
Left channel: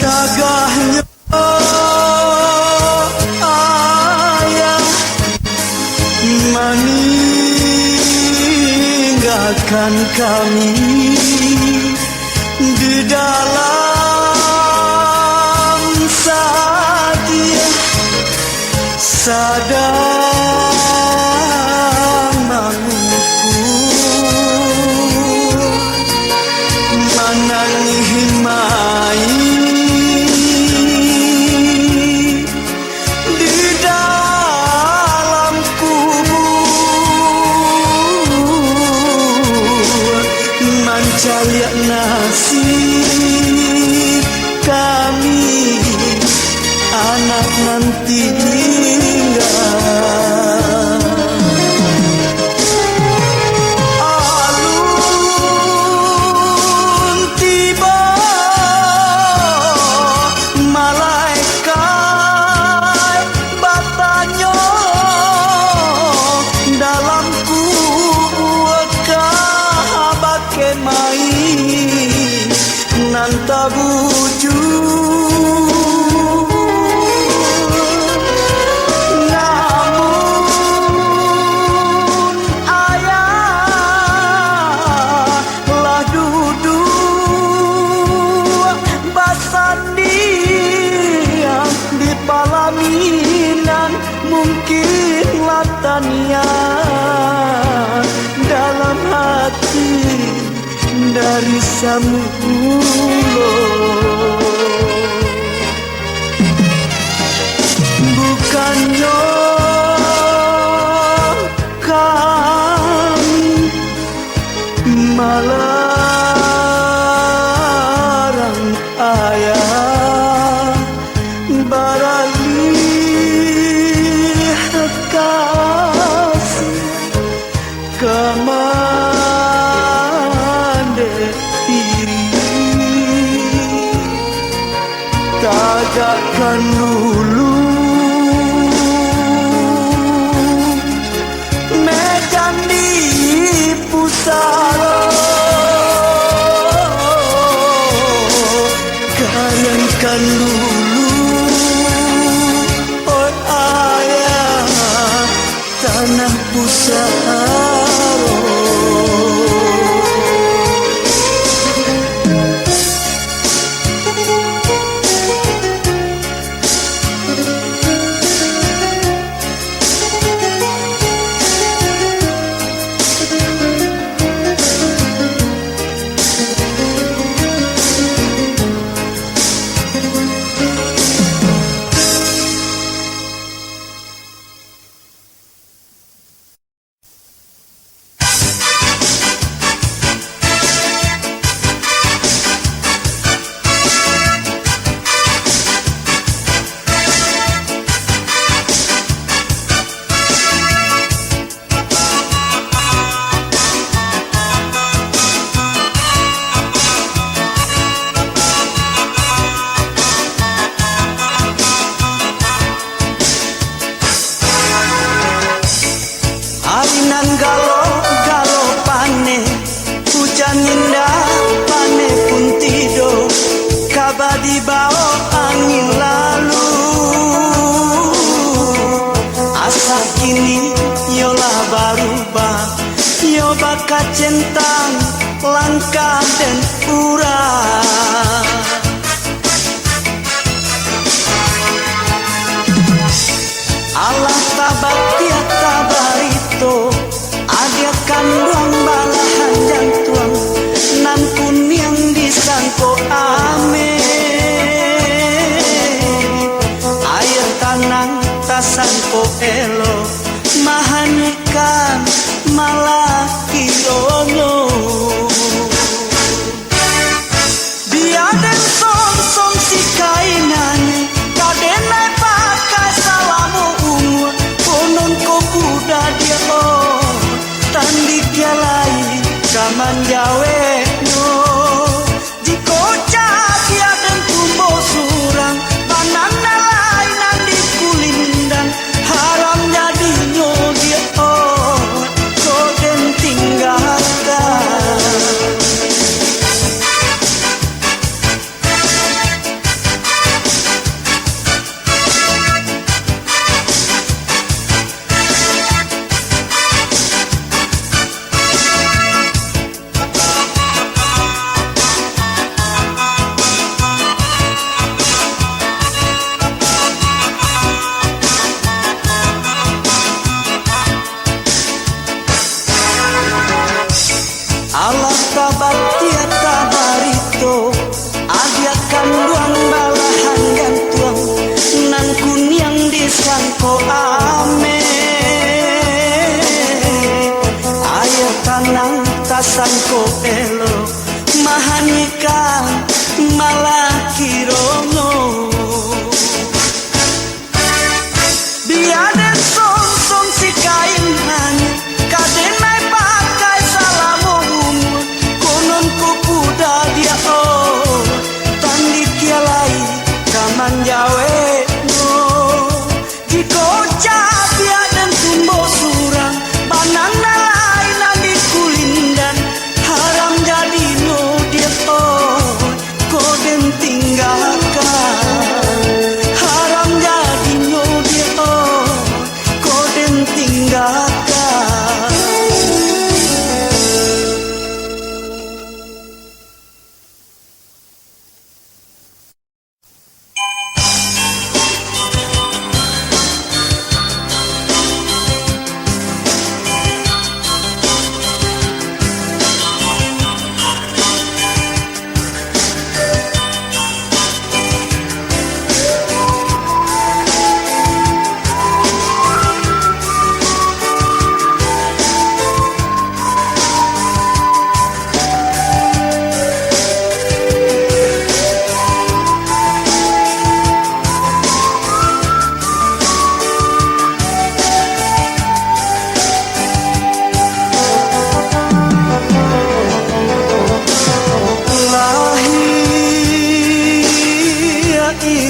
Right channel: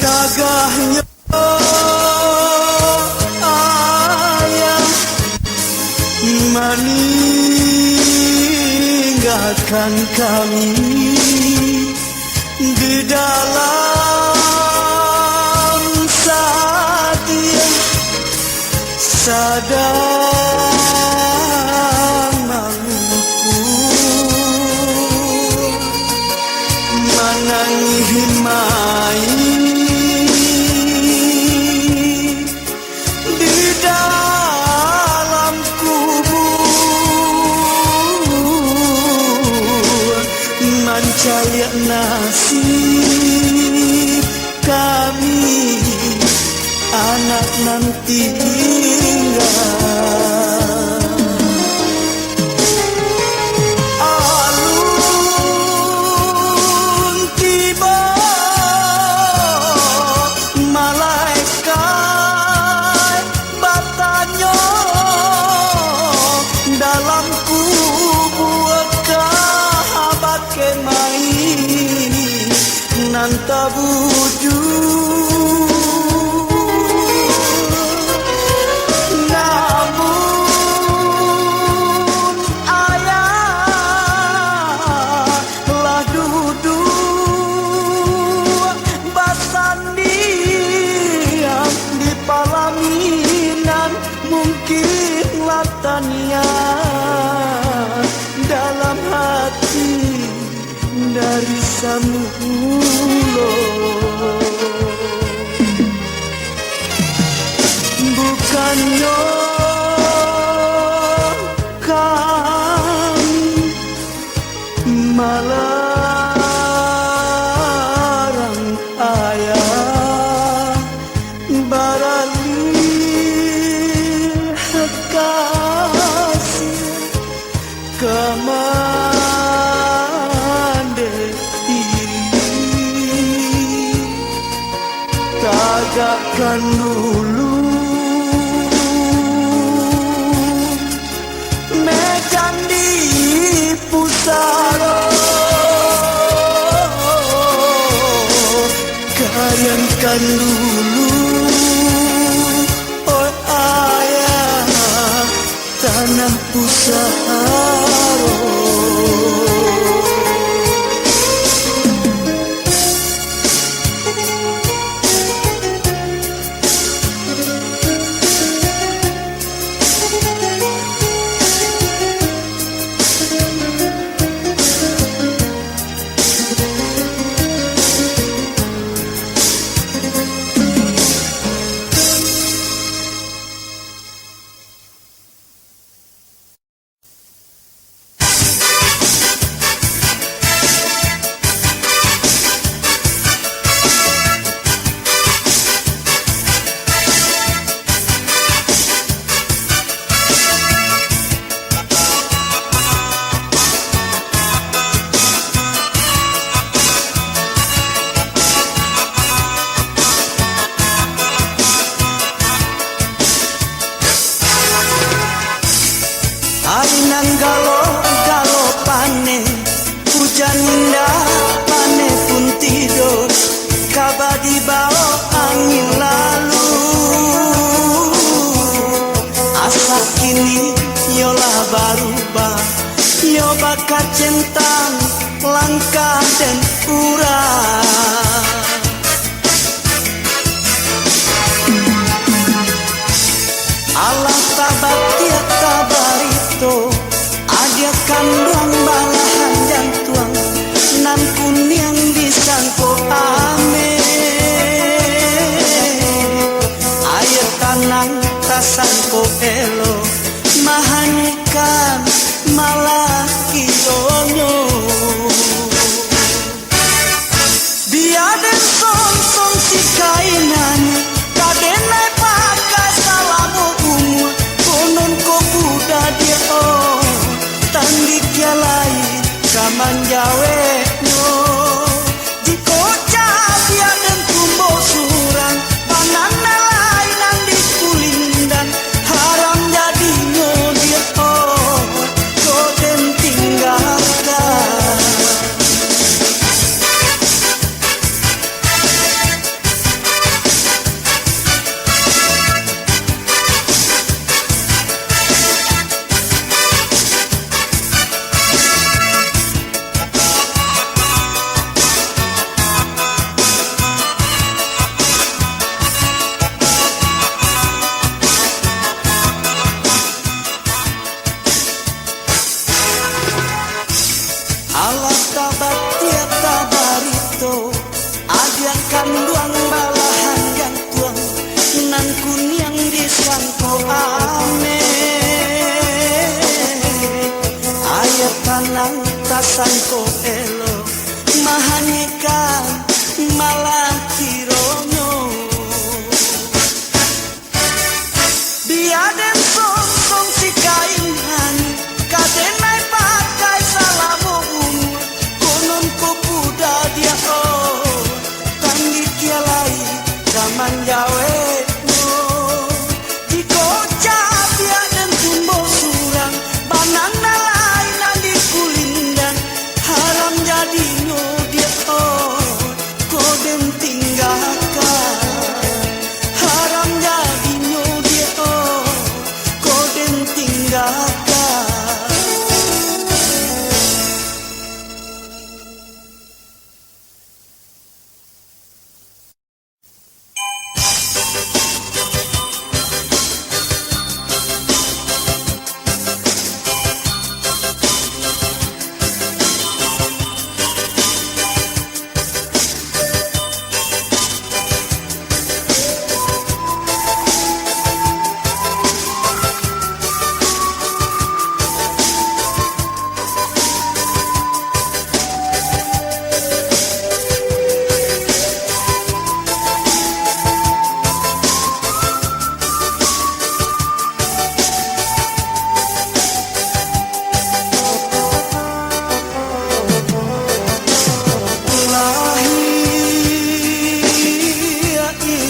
Tagahnya ayah meninggalkan kami di dalam sadia sadang mengukur menangi mai mencari nasib kami anak nanti alun tiba malaikat batanyo dalam kubur main nan tabuju namun ayah lah duduk basandi di palaminan mungkin latania dalam hati dari samulo bukannya kami malarang ayah baralih kasih tagakkan dulu medan di pusaro karyankan dulu oh ayah tanah pusaro. kaba dibawa angin lalu. Asa kini yolah barubah, nyoba kacentang langkah dan urang. Allah tabat tiap tabarito, ada kandang balahan jantuang, nan kuning disangko ame. Air tanang tasangko elo, mahanikan malah kionyo. Dia dan som si kainannya, kadenai pakai salamu umur, konon ko buda dia tandik ya lain kaman jawe no. Jiko dia dan tumbo surang, banana lain andi kulindan, haram jadi no dia kau dan tinggalkan. Allah tabat tiap tabarito, ada kanduang balahan gantuang, nan kunyang disangko ame. Air tanang kasangko elo, mahanikan malah kirono. Dia dan som si kain hani, kadenai pakai salamu umur, konon ko puda dia tandit dia lain kaman jawe no. Jiko dia dan tumbo surang, banana lain andi kulindan, haram jadi no dia koden tinggalkan. Haram jadi no dia koden tinggalkan.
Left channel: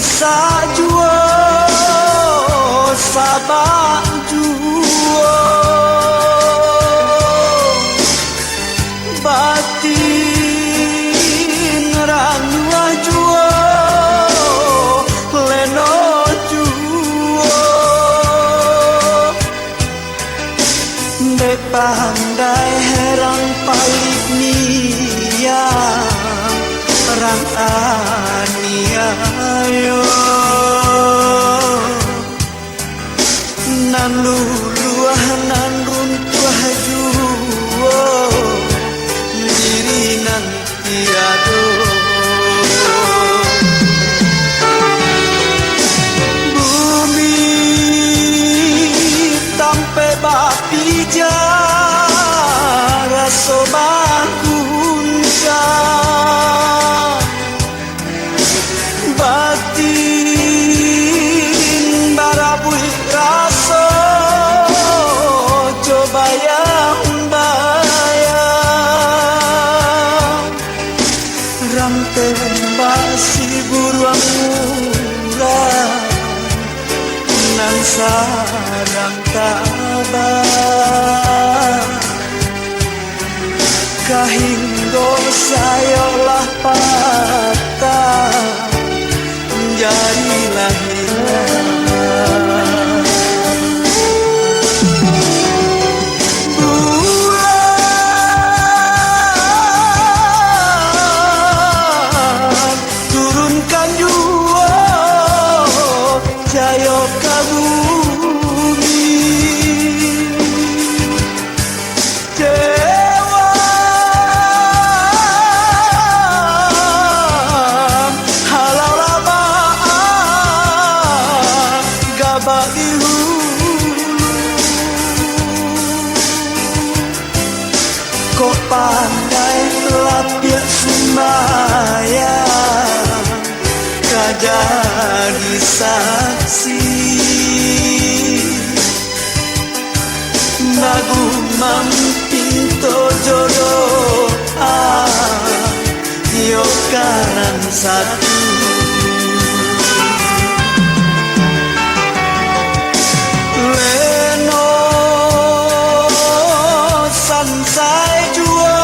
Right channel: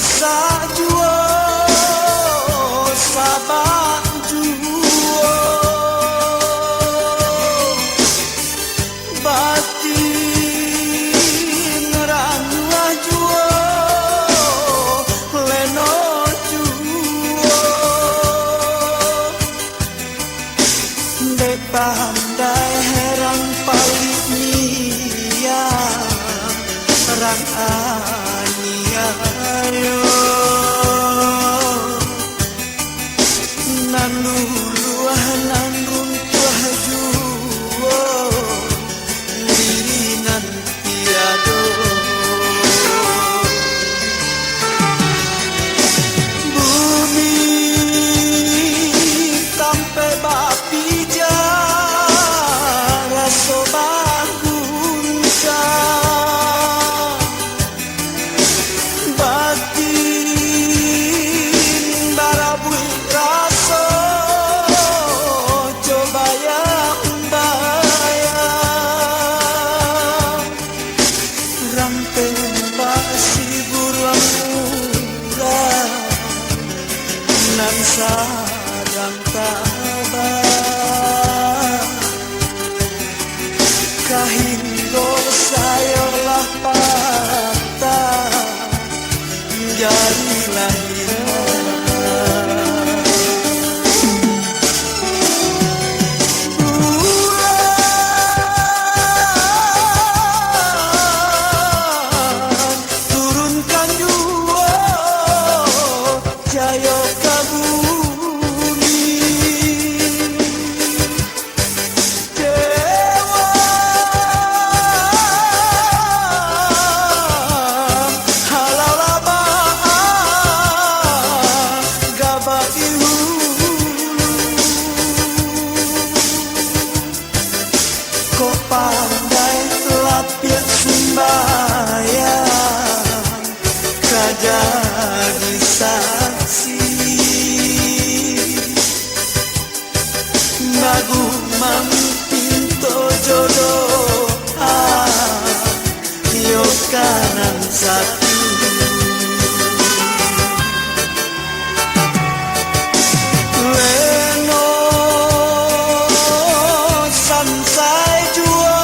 Sajuo sabak juo batin ranua juo leno juo de pandai herang palik niang rang aniayo nan luluah nan runtuah juo diri nan tiado. Bumi tampe bapi jara sobagunsa batin barabui raso coba yang bayang rang tembak si buruang murah nan sarang tabah kahinggo sayolah patah jadi lahiran. Bulan turunkan jua cahaya ka bumi, kok pandai lapiak sembahyang jadi saksi Bagu mampinto jodoh yo kanan satu Leno sansai juo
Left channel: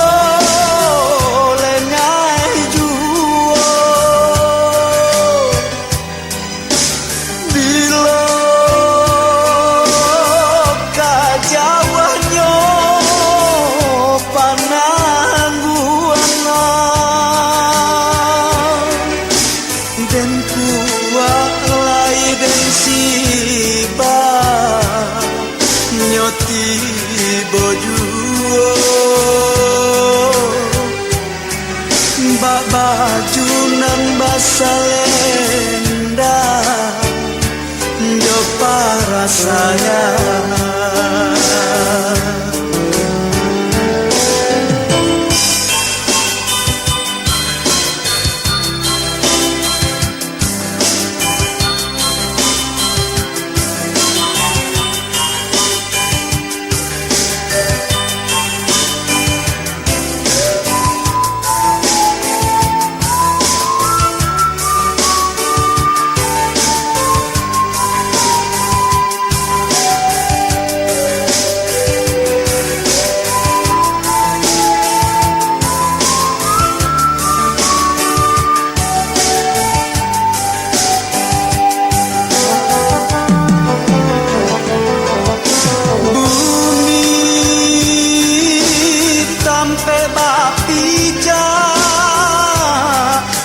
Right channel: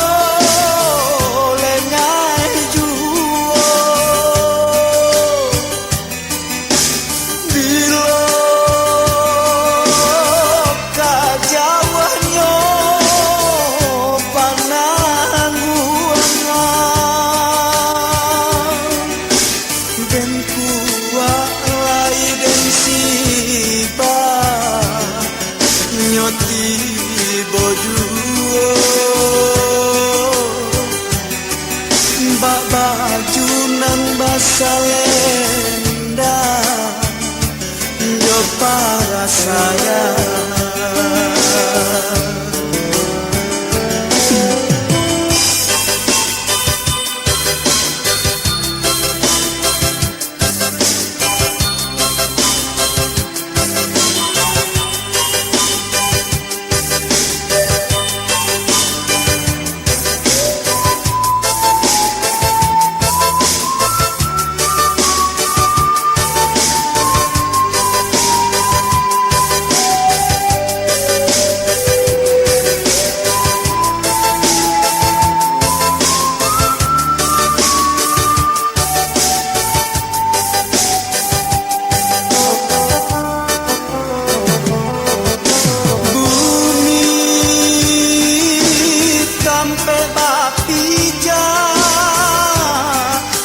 lengai juo bilo kajawanyo panangguangan den kuat lai den siba nyoti bojuo mbak baju nang basalenda jo para sayang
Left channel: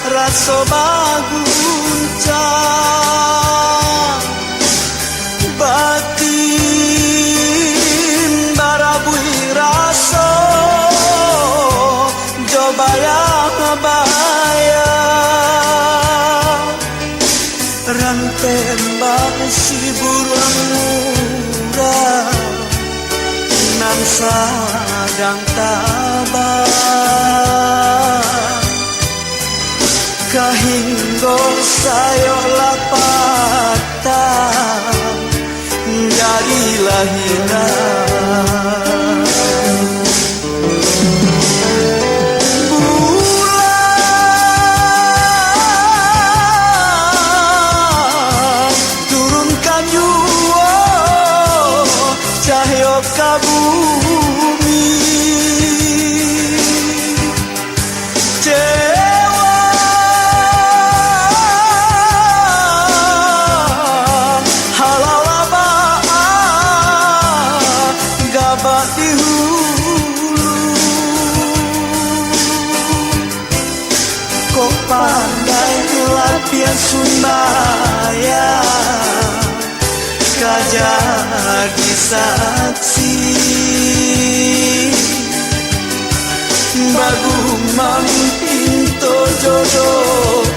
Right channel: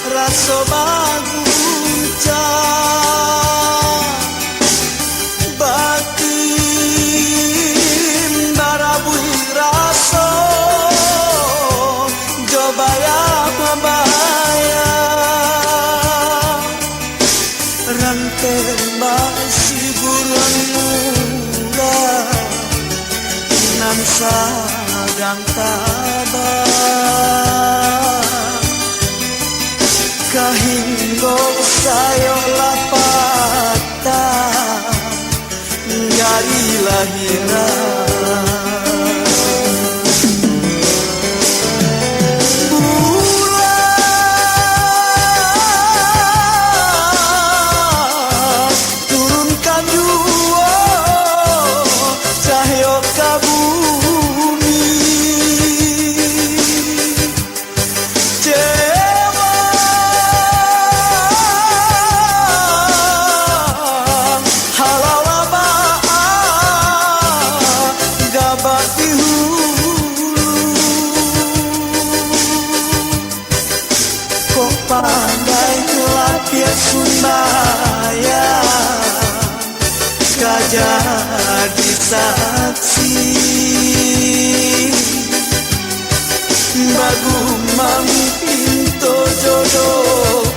raso bagunca batin barabui raso jobaya rantembak si buruan murah nan sadang tabah kahinggo sayo lapatan jadi lahiran bulan turunkan jua cahaya ka bumi kok pandai lapiak sembahyang jadi saksi bagu mampinto jodoh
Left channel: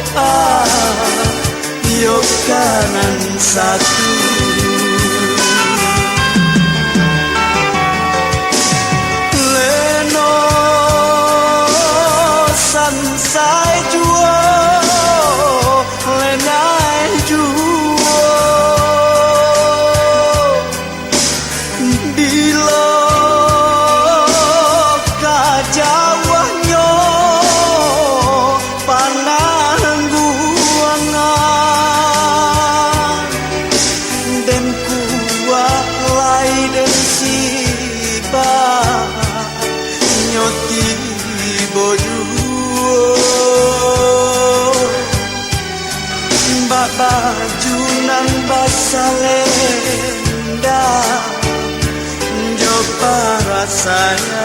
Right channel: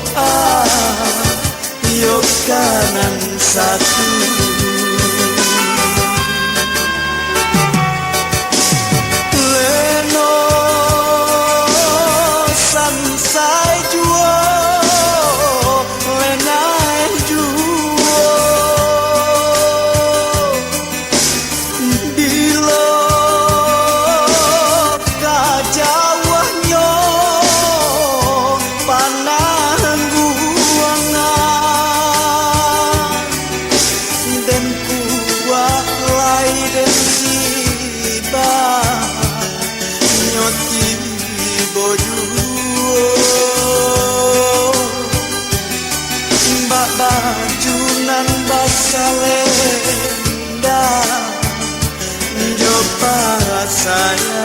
yo kanan satu sansai juo lenai juo bilo kajawanyo panangguangan Mbak baju nan basalenda Jo para saya